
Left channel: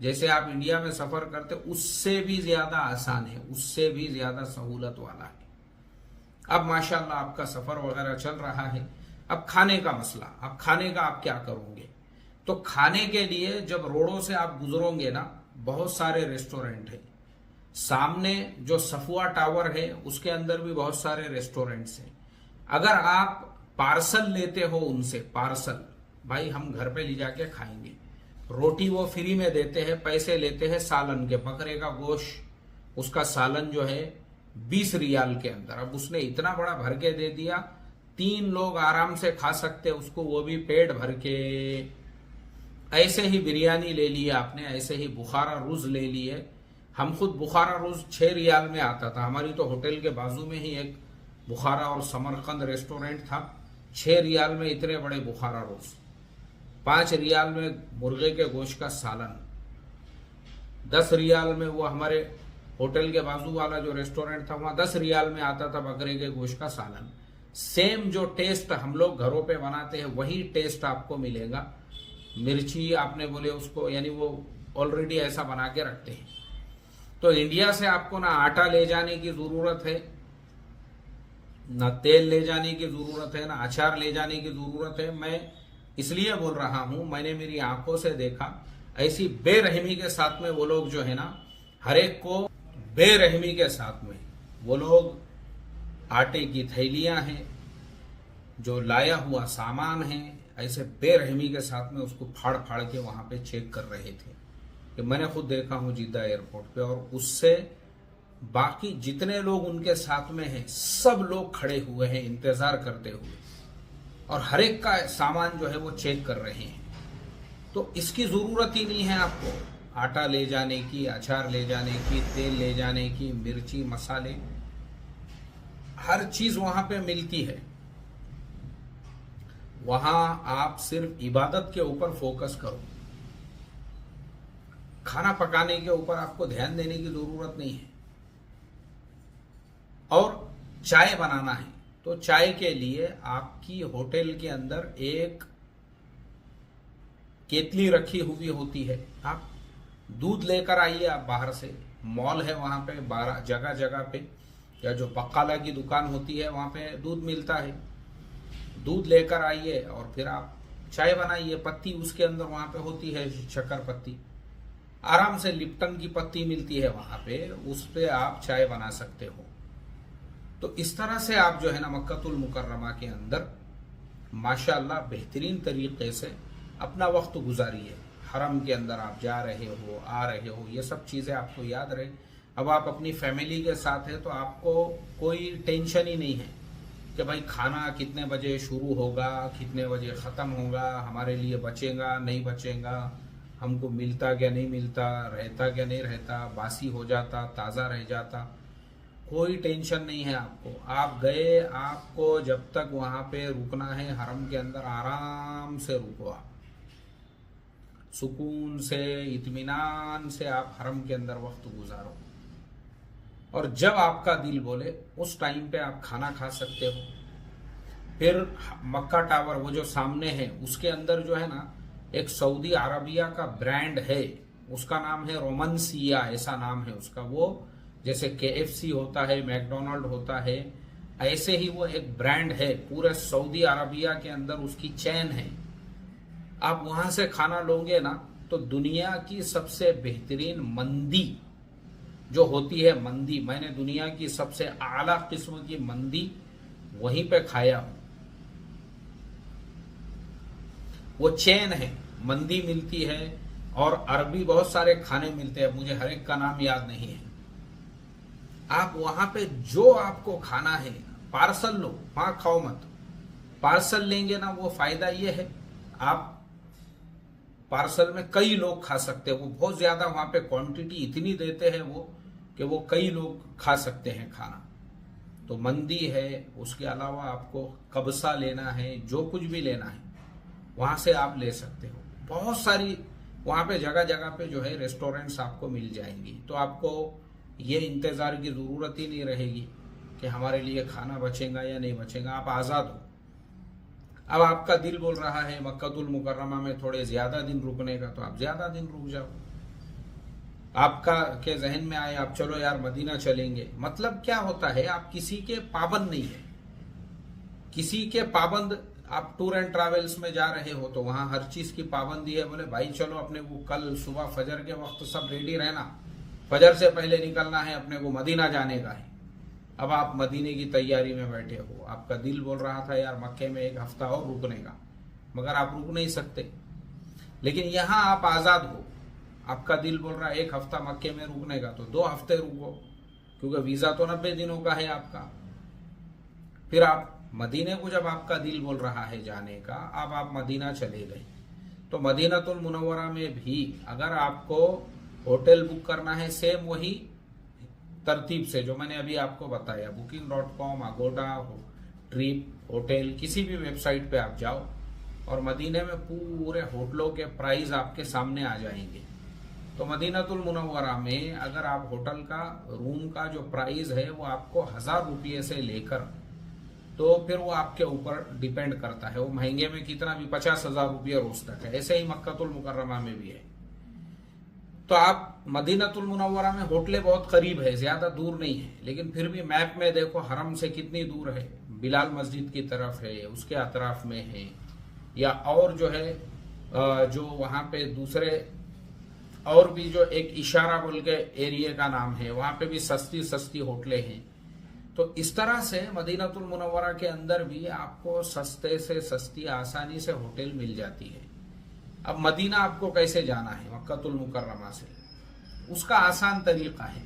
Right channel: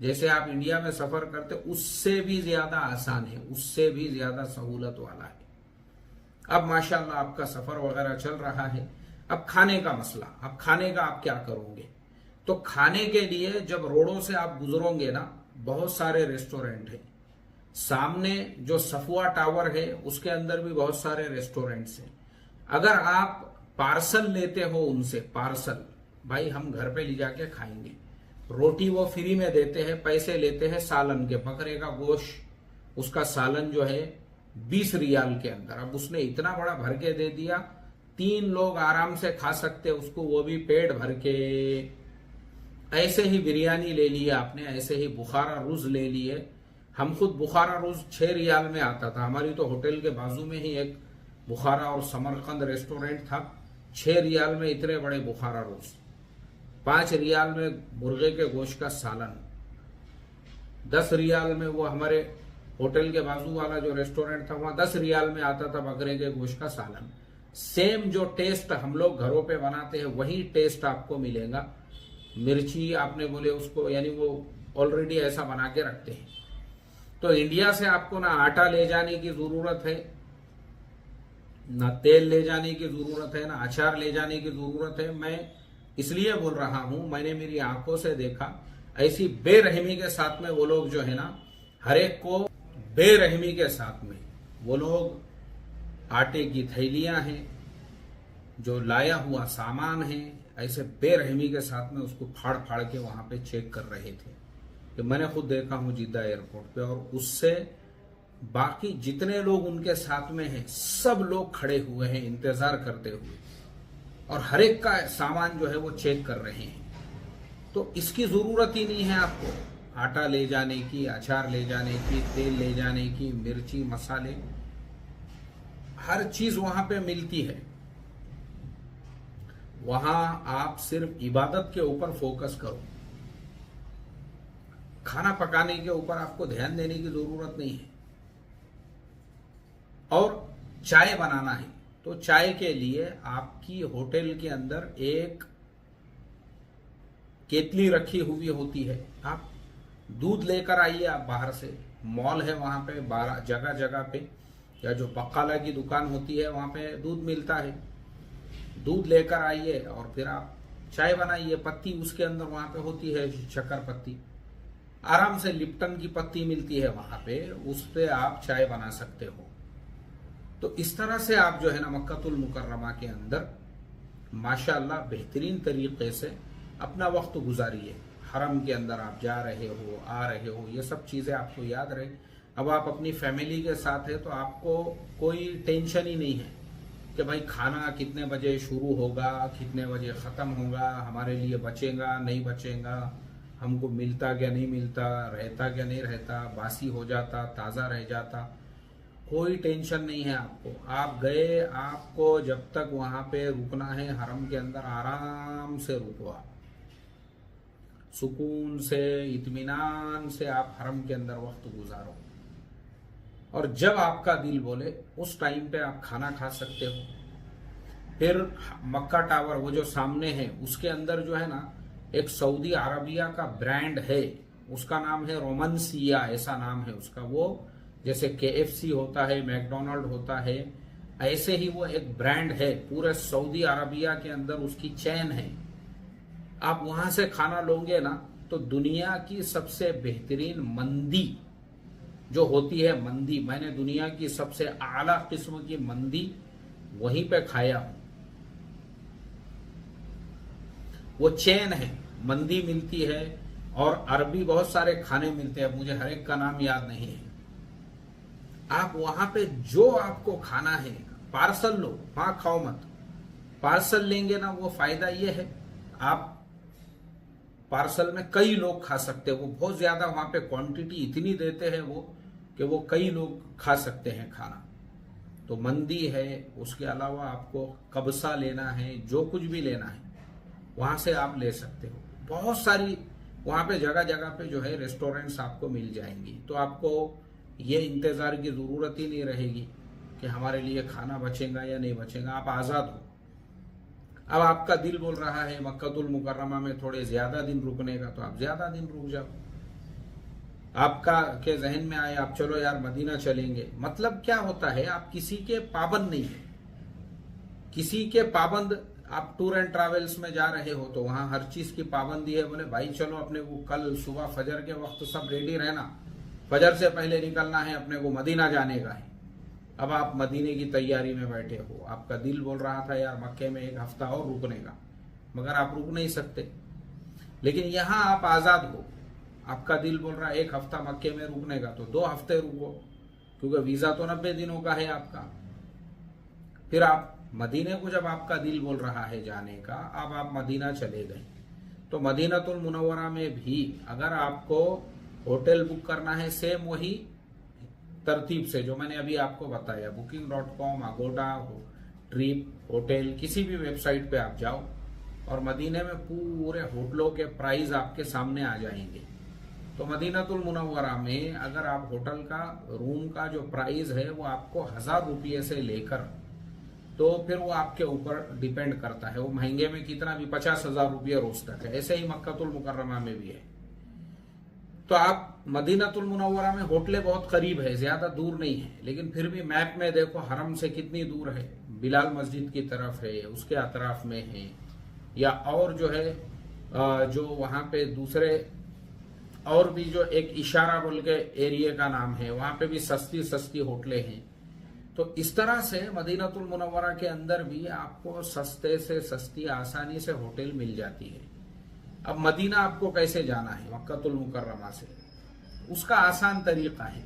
जैसे आप इंडिया में सफर करते उससे भी ज्यादा आसान है, उससे भी ज्यादा सहूलत वाला है। अब माशाल्लाह आपका सफर वगैरह चल रहा है। अब खाने का मसला, अब खाने का आप क्या करोगे। तो खाने के लिए जब रोडों से आप गुजरोगे ना, बहुत सारे रेस्टोरेंट हैं। सामने जो सफुआ टावर है उसके अंदर भी बहुत सारे रेस्टोरेंट्स हैं। अगर आप पार्सल लेते हो उनसे, पार्सल भाई हम घर पे ले जाके खाएंगे, रोटी वो फ्री में देते हैं, पैसे लेते हैं सालन के, बकरे का गोश्त उसका सालन जो है 20 रियाल के अंदर। अब उसने इतना बड़ा भर के दे दिया 3 लोग आराम से खा सकते उसको, वो भी पेट भर के। ऐसे ही बिरयानी ले ली आपने, ऐसे ही बुखारा रुज ले लिए। हम खुद बुखारा रुज 6 रियाल में आता था। हमारी तो होटल के बाजू में ही एक बुखारा और समरकंद रेस्टोरेंट था। 6 रियाल में इतने बड़े बुखारा रुज, 5 रियाल में मुर्गे के गोश्त का सालन, 10 रियाल में वो हमारे होटल के बाजू वाला जो रेस्टोरेंट था वहां 10 रियाल में आता था बकरे के गोश्त का सालन। सेम जो टेस्ट हम लोग घरों पे बनाते हैं वही टेस्ट आपको मिलेगा। मिर्ची आपने बोले उसको, यानी वो ऑलरेडी ऐसा बना के रखते हैं। तो इंडिया से आपको ना आटा ले जाने की जरूरत है, ना तेल ले जाने की जरूरत है, ना अचार ले जाने की जरूरत है। मैं इसलिए बोल रहा हूं, मैंने मेरी आंखों से देखा ऐसी बेरहमी के साथ में वो लोग जो है ना, हर एक को बेरहमी के साथ में वो लोग आटे की थैलियां हैं, जो लाया हुआ सामान है, ऐसे बेरहमी के साथ में उसको फाड़ फाड़ के वहां पे चेक कर रहे थे। कि मैंने खुद देखा हूं जिद्दा एयरपोर्ट पे। और उससे बाकी जितने लोग उनके साथ में हैं सब लोग खड़े हुए हैं इंतजार करते हुए, और हर एक का सामान जो है वो चेक कर रहे हैं। तो इसकी जरूरत ही नहीं है आपको आटा ले जाने की, अचार ले जाने की, तेल ले जाने की, मिर्ची मसाले, हर चीज वहां पे मिलती है। वहां आप सिर्फ इबादत के ऊपर फोकस करो, खाना पकाने के ऊपर आपको ध्यान देने की जरूरत नहीं है। और चाय बनाना है तो चाय के लिए आपकी होटल के अंदर एक केतली रखी हुई होती है। आप दूध लेकर आइए, आप बाहर से, मॉल है वहां पे, 12 जगह जगह पे, या जो बक्काला की दुकान होती है वहां पे दूध मिलता है। दूध लेकर आइए और फिर आप चाय बनाइए। पत्ती उसके अंदर वहां पे होती है, शक्कर पत्ती, आराम से लिप्टन की पत्ती मिलती है वहां पे, उस पे आप चाय बना सकते हो। तो इस तरह से आप जो है ना मक्कतुल मुकर्रमा के अंदर माशाअल्लाह बेहतरीन तरीके से अपना वक्त गुजारिए। हरम के अंदर आप जा रहे हो, आ रहे हो, ये सब चीजें आपको याद रहे। अब आप अपनी फैमिली के साथ है तो आपको कोई टेंशन ही नहीं है कि भाई खाना कितने बजे शुरू होगा, कितने बजे खत्म होगा, हमारे लिए बचेगा नहीं बचेगा, हमको मिलता क्या नहीं मिलता, रहता क्या नहीं रहता, बासी हो जाता, ताज़ा रह जाता, कोई टेंशन नहीं है आपको। आप गए, आपको जब तक वहां पे रुकना है हरम के अंदर आराम से रुको, आप सुकून से, इत्मीनान से आप हरम के अंदर वक्त गुजारो। और जब आपका दिल बोले उस टाइम पे आप खाना खा सकते हो। फिर मक्का टावर वो जो सामने है उसके अंदर जो है ना एक सऊदी अरबिया का ब्रांड है, उसका नाम है रोमनसिया, ऐसा नाम है उसका। वो जैसे KFC होता है, मैकडोनल्ड होता है, ऐसे ही वो एक ब्रांड है, पूरे सऊदी अरबिया के अंदर उसकी चैन है। आप वहां से खाना लोगे ना तो दुनिया की सबसे बेहतरीन मंदी जो होती है, मंदी, मैंने दुनिया की सबसे आला किस्म की मंदी वहीं पे खाया हूं। वो चैन है, मंदी मिलती है और अरबी बहुत सारे खाने मिलते हैं, मुझे हर एक का नाम याद नहीं है। आप वहां पे जो आपको खाना है पार्सल लो, वहां खाओ मत। पार्सल लेंगे ना वो फायदा ये है, आप पार्सल में कई लोग खा सकते हो। वो बहुत ज्यादा वहां पे क्वांटिटी इतनी देते हैं वो कि वो कई लोग खा सकते हैं खाना। तो मंदी है, उसके अलावा आपको कब्सा लेना है, जो कुछ भी लेना है वहां से आप ले सकते हो। बहुत सारी वहां पे जगह जगह पे जो है रेस्टोरेंट्स आपको मिल जाएंगी। तो आपको ये इंतजार की जरूरत ही नहीं रहेगी कि हमारे लिए खाना बचेगा या नहीं बचेगा, आप आजाद हो। अब आपका दिल बोल रहा है मक्कतुल मुकर्रमा में थोड़े ज्यादा दिन रुकने का, तो आप ज्यादा दिन रुक जाओ। आपका के जहन में आए आप चलो यार मदीना चलेंगे, मतलब क्या होता है, आप किसी के पाबंद नहीं है, किसी के पाबंद। आप टूर एंड ट्रैवल्स में जा रहे हो तो वहां हर चीज की पाबंदी है। बोले भाई चलो अपने को कल सुबह फजर के वक्त सब रेडी रहना, फजर से पहले निकलना है, अपने को मदीना जाने का है। अब आप मदीने की तैयारी में बैठे हो, आपका दिल बोल रहा था यार मक्के में 1 हफ्ता और रुकने का, मगर आप रुक नहीं सकते। लेकिन यहां आप आजाद हो, आपका दिल बोल रहा है 1 हफ्ता मक्के में रुकने का, तो 2 हफ्ते रुको, क्योंकि वीजा तो 90 दिनों का है आपका। फिर आप मदीने को जब आपका दिल बोल रहा है जाने का, अब आप मदीना चले गए, तो मदीनातुल मुनव्वरा में भी अगर आपको होटल बुक करना है, सेम वही तरतीब से जो मैंने अभी आपको बताया, booking.com, अगोडा, ट्रिप, होटल, किसी भी वेबसाइट पे आप जाओ और मदीने में पूरे होटलों के प्राइस आपके सामने आ जाएंगे। तो मदीनातुल मुनव्वरा में अगर आप होटल का रूम का जो प्राइस है वो आपको 1000 रुपये से लेकर, तो फिर वो आपके ऊपर डिपेंड करता है, वो महंगे में कितना भी 50,000 रुपये रोज तक है। ऐसे ही मक्कातुल मुकर्रमा में भी है। तो आप मदीनातुल मुनव्वरा में होटलें बहुत करीब है, ज्यादा दूर नहीं है, लेकिन फिर भी मैप में देखो हरम से कितनी दूर है, बिलाल मस्जिद की तरफ है, उसके अतराफ में है, या और जो है जो वहां पे दूसरे और भी जो एक इशारा बोल के एरिया का नाम है, वहां पे भी सस्ती सस्ती होटलें हैं। तो इस तरह से मदीनातुल मुनव्वरा के अंदर भी आपको सस्ते से सस्ती आसानी से होटल मिल जाती है। अब मदीना आपको कैसे जाना है मक्कातुल मुकर्रमा से, उसका आसान तरीका है।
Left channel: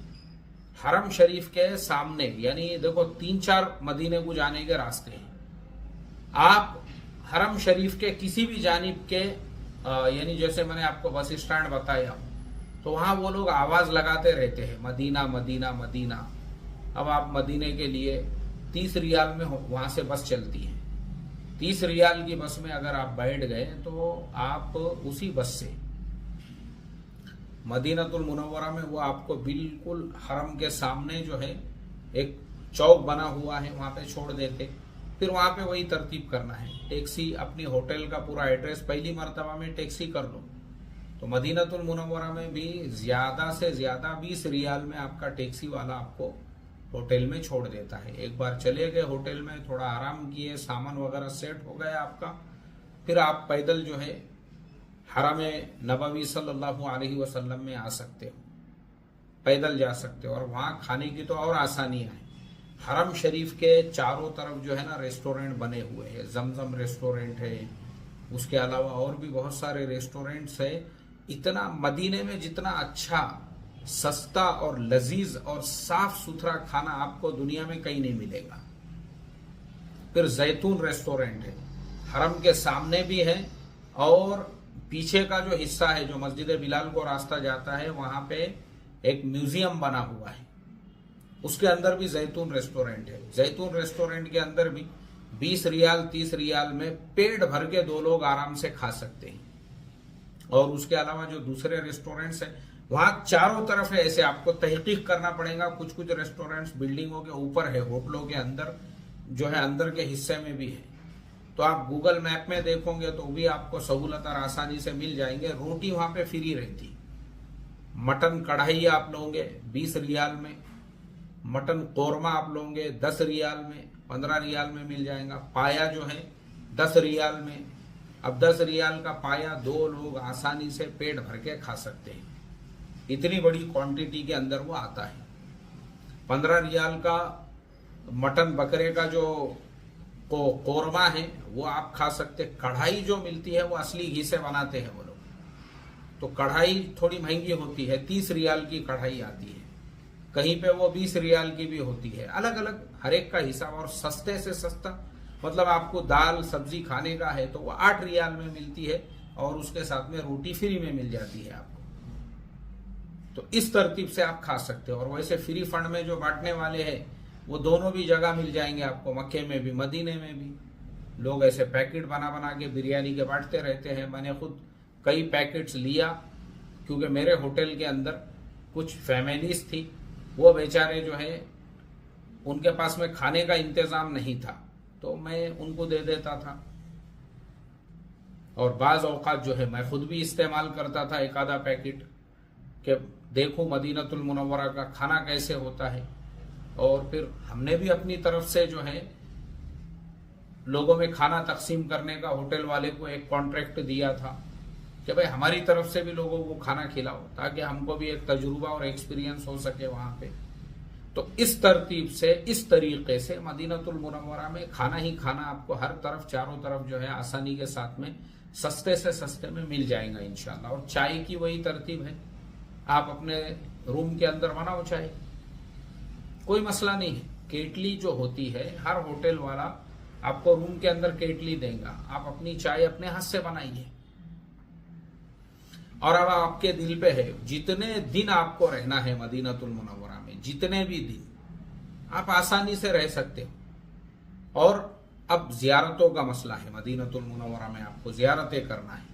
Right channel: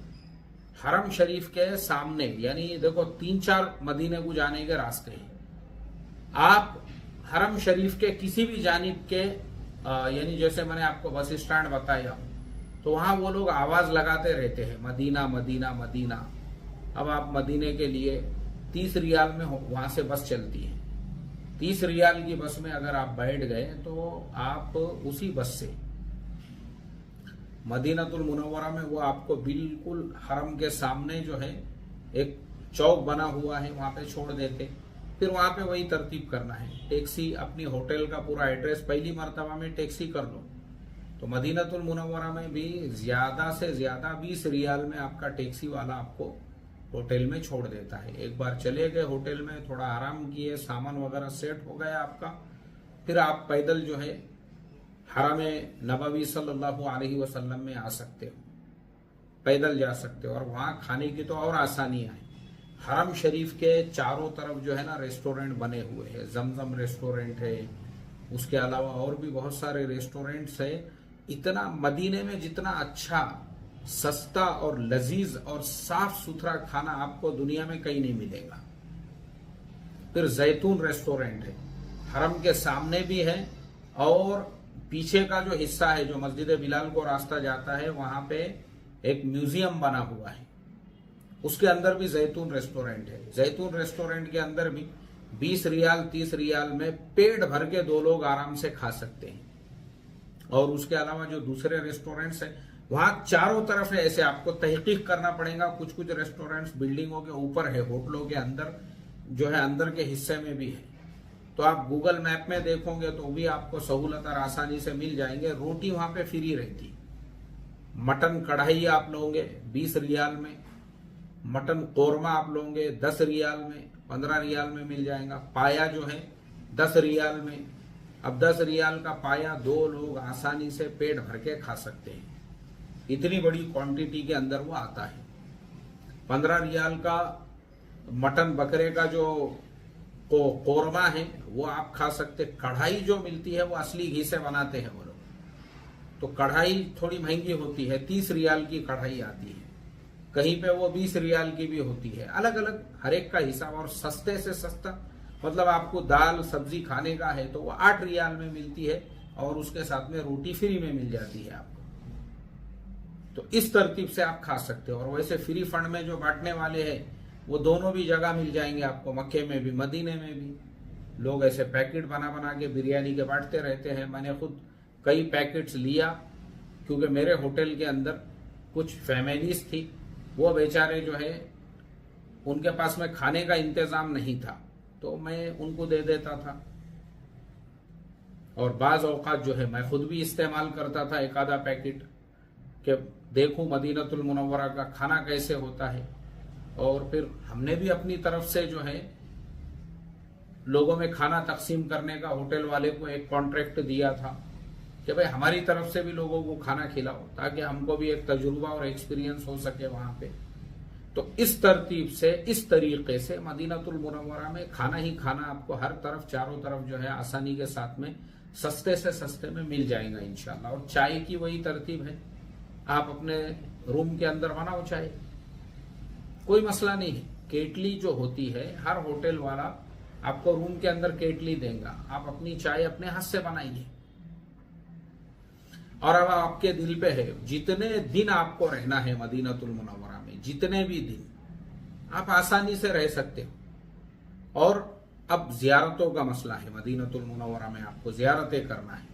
हरम शरीफ के सामने, यानी देखो 3-4 मदीने को जाने के रास्ते हैं। आप हरम शरीफ के किसी भी जानिब के यानी जैसे मैंने आपको बस स्टैंड बताया, तो वहां वो लोग आवाज लगाते रहते हैं मदीना मदीना मदीना। अब आप मदीने के लिए 30 रियाल में वहां से बस चलती है। 30 रियाल की बस में अगर आप बैठ गए तो आप उसी बस से मदीनातुल मुनव्वरा में, वो आपको बिल्कुल हरम के सामने जो है एक चौक बना हुआ है, वहां पे छोड़ देते। फिर वहां पे वही तरतीब करना है, टैक्सी, अपनी होटल का पूरा एड्रेस पहली मर्तबा में टैक्सी कर लो। तो मदीनातुल मुनव्वरा में भी ज्यादा से ज्यादा 20 रियाल में आपका टैक्सी वाला आपको होटल में छोड़ देता है। एक बार चले गए होटल में, थोड़ा आराम किए, सामान वगैरह सेट हो गया आपका, फिर आप पैदल जो है हरम नबवी सल्लल्लाहु अलैहि वसल्लम में आ सकते हो, पैदल जा सकते हो। और वहां खाने की तो और आसानियां हैं। हरम शरीफ के चारों तरफ जो है ना रेस्टोरेंट बने हुए हैं, जमजम रेस्टोरेंट है, उसके अलावा और भी बहुत सारे रेस्टोरेंट्स है। इतना मदीने में जितना अच्छा, सस्ता और लजीज और साफ सुथरा खाना आपको दुनिया में कहीं नहीं मिलेगा। फिर जैतून रेस्टोरेंट है, हरम के सामने भी है, और पीछे का जो हिस्सा है जो मस्जिद बिलाल को रास्ता जाता है, वहां पे एक म्यूजियम बना हुआ है, उसके अंदर भी जैतून रेस्टोरेंट है। जैतून रेस्टोरेंट के अंदर भी 20 रियाल 30 रियाल में पेट भर के 2 लोग आराम से खा सकते हैं। और उसके अलावा जो दूसरे रेस्टोरेंट्स हैं वहां चारों तरफ है, ऐसे आपको तहकीक करना पड़ेगा। कुछ कुछ रेस्टोरेंट्स बिल्डिंगों के ऊपर है, होटलों के अंदर जो है अंदर के हिस्से में भी है। तो आप गूगल मैप में देखोगे तो भी आपको सहूलत और आसानी से मिल जाएंगे। रोटी वहां पे फ्री रहती। मटन कढ़ाई आप लोगे 20 रियाल में, मटन कोरमा आप लोगे 10 रियाल में, 15 रियाल में मिल जाएगा। पाया जो है 10 रियाल में। अब 10 रियाल का पाया 2 लोग आसानी से पेट भर के खा सकते हैं, इतनी बड़ी क्वांटिटी के अंदर वो आता है। 15 रियाल का मटन बकरे का जो कोरमा है वो आप खा सकते। कढ़ाई जो मिलती है वो असली घी से बनाते हैं वो लोग, तो कढ़ाई थोड़ी महंगी होती है, 30 रियाल की कढ़ाई आती है, कहीं पे वो 20 रियाल की भी होती है। अलग अलग हर एक का हिसाब। और सस्ते से सस्ता मतलब आपको दाल सब्जी खाने का है तो वो 8 रियाल में मिलती है, और उसके साथ में रोटी फ्री में मिल जाती है आपको। तो इस तरतीब से आप खा सकते हो। और वैसे फ्री फंड में जो बांटने वाले हैं वो दोनों भी जगह मिल जाएंगे आपको, मक्के में भी मदीने में भी। लोग ऐसे पैकेट बना बना के बिरयानी के बांटते रहते हैं। मैंने खुद कई पैकेट्स लिया, क्योंकि मेरे होटल के अंदर कुछ फैमिलीज थी, वो बेचारे जो है उनके पास में खाने का इंतजाम नहीं था, तो मैं उनको दे देता था। और बाज औकात जो है मैं खुद भी इस्तेमाल करता था एक आधा पैकेट, कि देखूं मदीनातुल मुनव्वरा का खाना कैसे होता है। और फिर हमने भी अपनी तरफ से जो है लोगों में खाना तकसीम करने का होटल वाले को एक कॉन्ट्रैक्ट दिया था कि भाई हमारी तरफ से भी लोगों को खाना खिलाओ, ताकि हमको भी एक तजुर्बा और एक्सपीरियंस हो सके वहां पे। तो इस तरतीब से, इस तरीके से मदीनातुल मुनव्वरा में खाना ही खाना आपको हर तरफ चारों तरफ जो है आसानी के साथ में सस्ते से सस्ते में मिल जाएगा इंशाल्लाह। और चाय की वही तरतीब है, आप अपने रूम के अंदर बनाओ चाय, कोई मसला नहीं है। केटली जो होती है हर होटल वाला आपको रूम के अंदर केटली देगा, आप अपनी चाय अपने हाथ से बनाइए। और अब आपके दिल पे है, जितने दिन आपको रहना है मदीनतुल मुनव्वरा में, जितने भी दिन आप आसानी से रह सकते हो। और अब जियारतों का मसला है, मदीनतुल मुनव्वरा में आपको जियारतें करना है,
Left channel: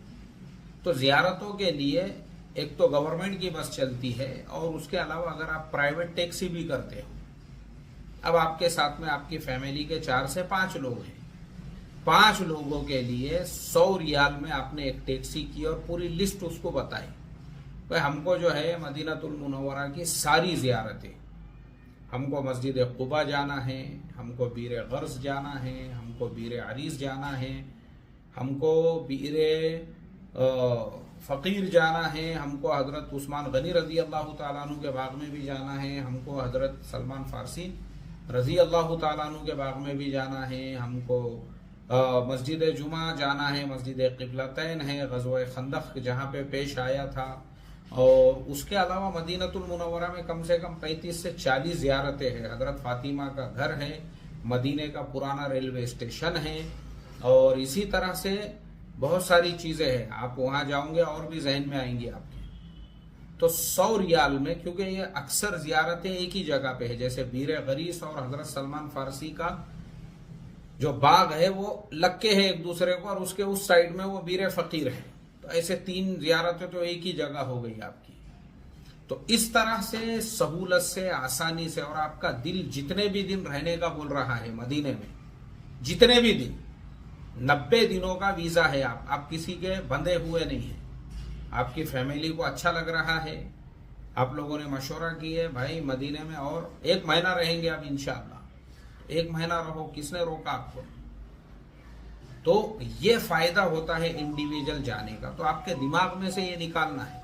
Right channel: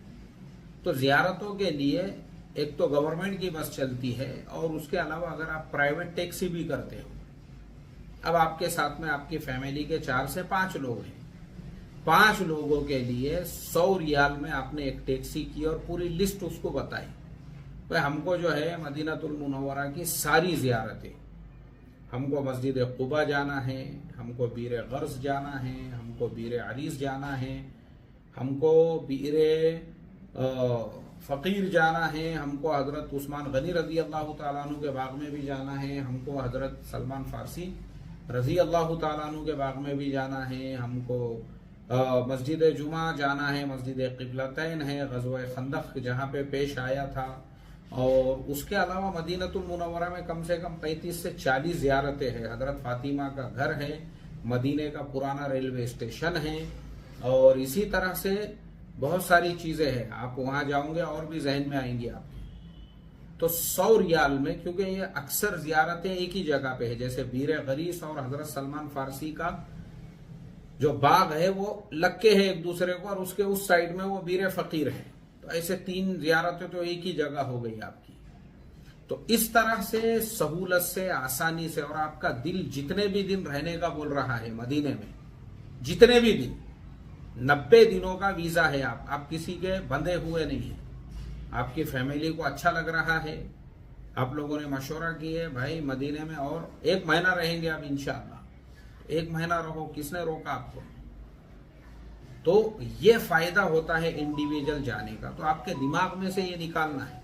तो जियारतों के लिए एक तो गवर्नमेंट की बस चलती है, और उसके अलावा अगर आप प्राइवेट टैक्सी भी करते हो, अब आपके साथ में आपकी फैमिली के 4 से 5 लोग हैं, 5 लोगों के लिए 100 रियाल में आपने एक टैक्सी की और पूरी लिस्ट उसको बताई, भाई हमको जो है मदीनतुल मुनव्वरा की सारी जियारतें, हमको मस्जिद कुबा जाना है, हमको बीर गर्ज जाना है, हमको बीर अरीस जाना है, हमको बीर फकीर जाना है, हमको हजरत उस्मान गनी रजी अल्लाह तआला अन्हु के बाग में भी जाना है, हमको हजरत सलमान फारसी रजी अल्लाह तआला अन्हु के बाग में भी जाना है, हमको मस्जिद जुमा जाना है, मस्जिद क़िबलतैन है, ग़ज़वा खंदक जहाँ पे पेश आया था, और उसके अलावा मदीनतुल मुनव्वरा में कम से कम 35 से 40 ज़ियारतें हैं। हजरत फातिमा का घर है, मदीने का पुराना रेलवे स्टेशन है, और इसी तरह से बहुत सारी चीजें हैं। आप वहां जाओगे और भी जहन में आएंगी आपके। तो 100 रियाल में, क्योंकि ये अक्सर जियारतें एक ही जगह पे है, जैसे बीर गरीस और हजरत सलमान फारसी का जो बाग है वो लक्के है एक दूसरे को, और उसके उस साइड में वो बीर फकीर है, तो ऐसे 3 जियारतें तो एक ही जगह हो गई आपकी। तो इस तरह से सहूलत से, आसानी से, और आपका दिल जितने भी दिन रहने का बोल रहा है मदीने में, जितने भी दिन, 90 दिनों का वीजा है, आप किसी के बंधे हुए नहीं है, आपकी फैमिली को अच्छा लग रहा है, आप लोगों ने मशवरा की है भाई मदीने में और 1 महीना रहेंगे आप इंशाअल्लाह, 1 महीना रहो, किसने रोका आपको। तो ये फायदा होता है इंडिविजुअल जाने का, तो आपके दिमाग में से ये निकालना है,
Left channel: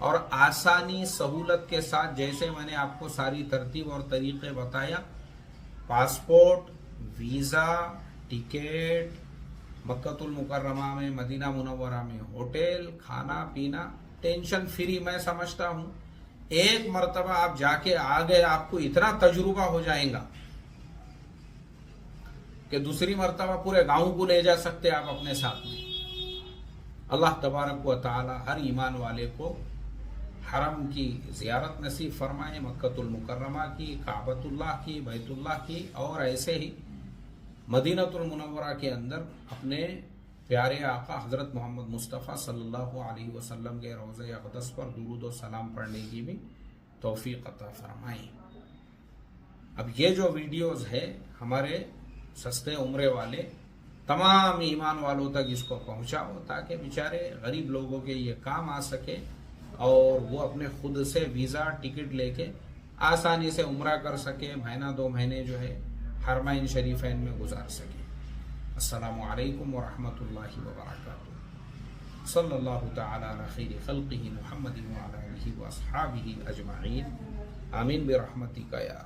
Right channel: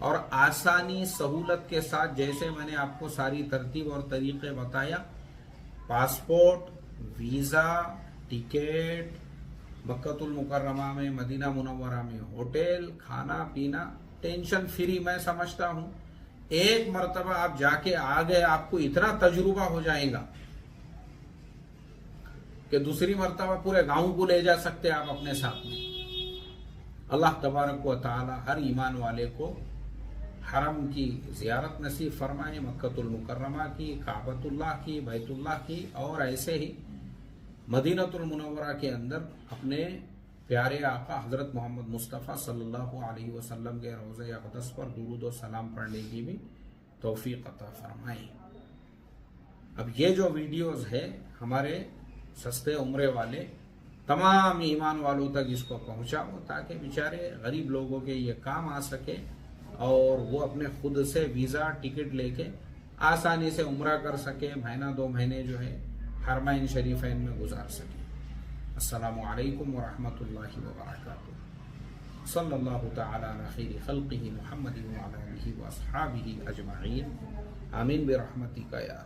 और आसानी सहूलत के साथ, जैसे मैंने आपको सारी तरतीब और तरीके बताया, पासपोर्ट, वीजा, टिकट, मक्कतुल मुकर्रमा में, मदीना मुनव्वरा में होटल, खाना पीना, टेंशन फ्री मैं समझता हूं। एक मर्तबा आप जाके आ गए, आपको इतना तजुर्बा हो जाएगा कि दूसरी मर्तबा पूरे गांव को ले जा सकते आप अपने साथ में। अल्लाह तबारक व तआला हर ईमान वाले को हरम की जियारत नसीब फरमाए, मक्कतुल मुकर्रमा की, काबतुल्लाह की, बैतुल्लाह की, और ऐसे ही मदीनतुल मुनव्वरा के अंदर अपने प्यारे आका हजरत मोहम्मद मुस्तफ़ा सल्लल्लाहु अलैहि वसल्लम के रोज़े अक़दस पर दुरूद और सलाम पढ़ने की भी तौफीक अता फरमाए। अब ये जो वीडियोस है हमारे सस्ते उम्रे वाले तमाम ईमान वालों तक इसको पहुंचाओ, ताकि बेचारे गरीब लोगों के ये काम आ सके, और वो अपने खुद से वीज़ा टिकट लेके आसानी से उम्रा कर सके, महीना 2 महीने जो है हरमैन शरीफैन में गुजार सके। अस्सलामु अलैकुम व रहमतुल्लाहि व बरकातुहू। सल्लल्लाहु तआला अला खैरि खल्क़िही मुहम्मदिन व अला आलिहि व अस्हाबिही अजमईन। आमीन बिरहमतिका या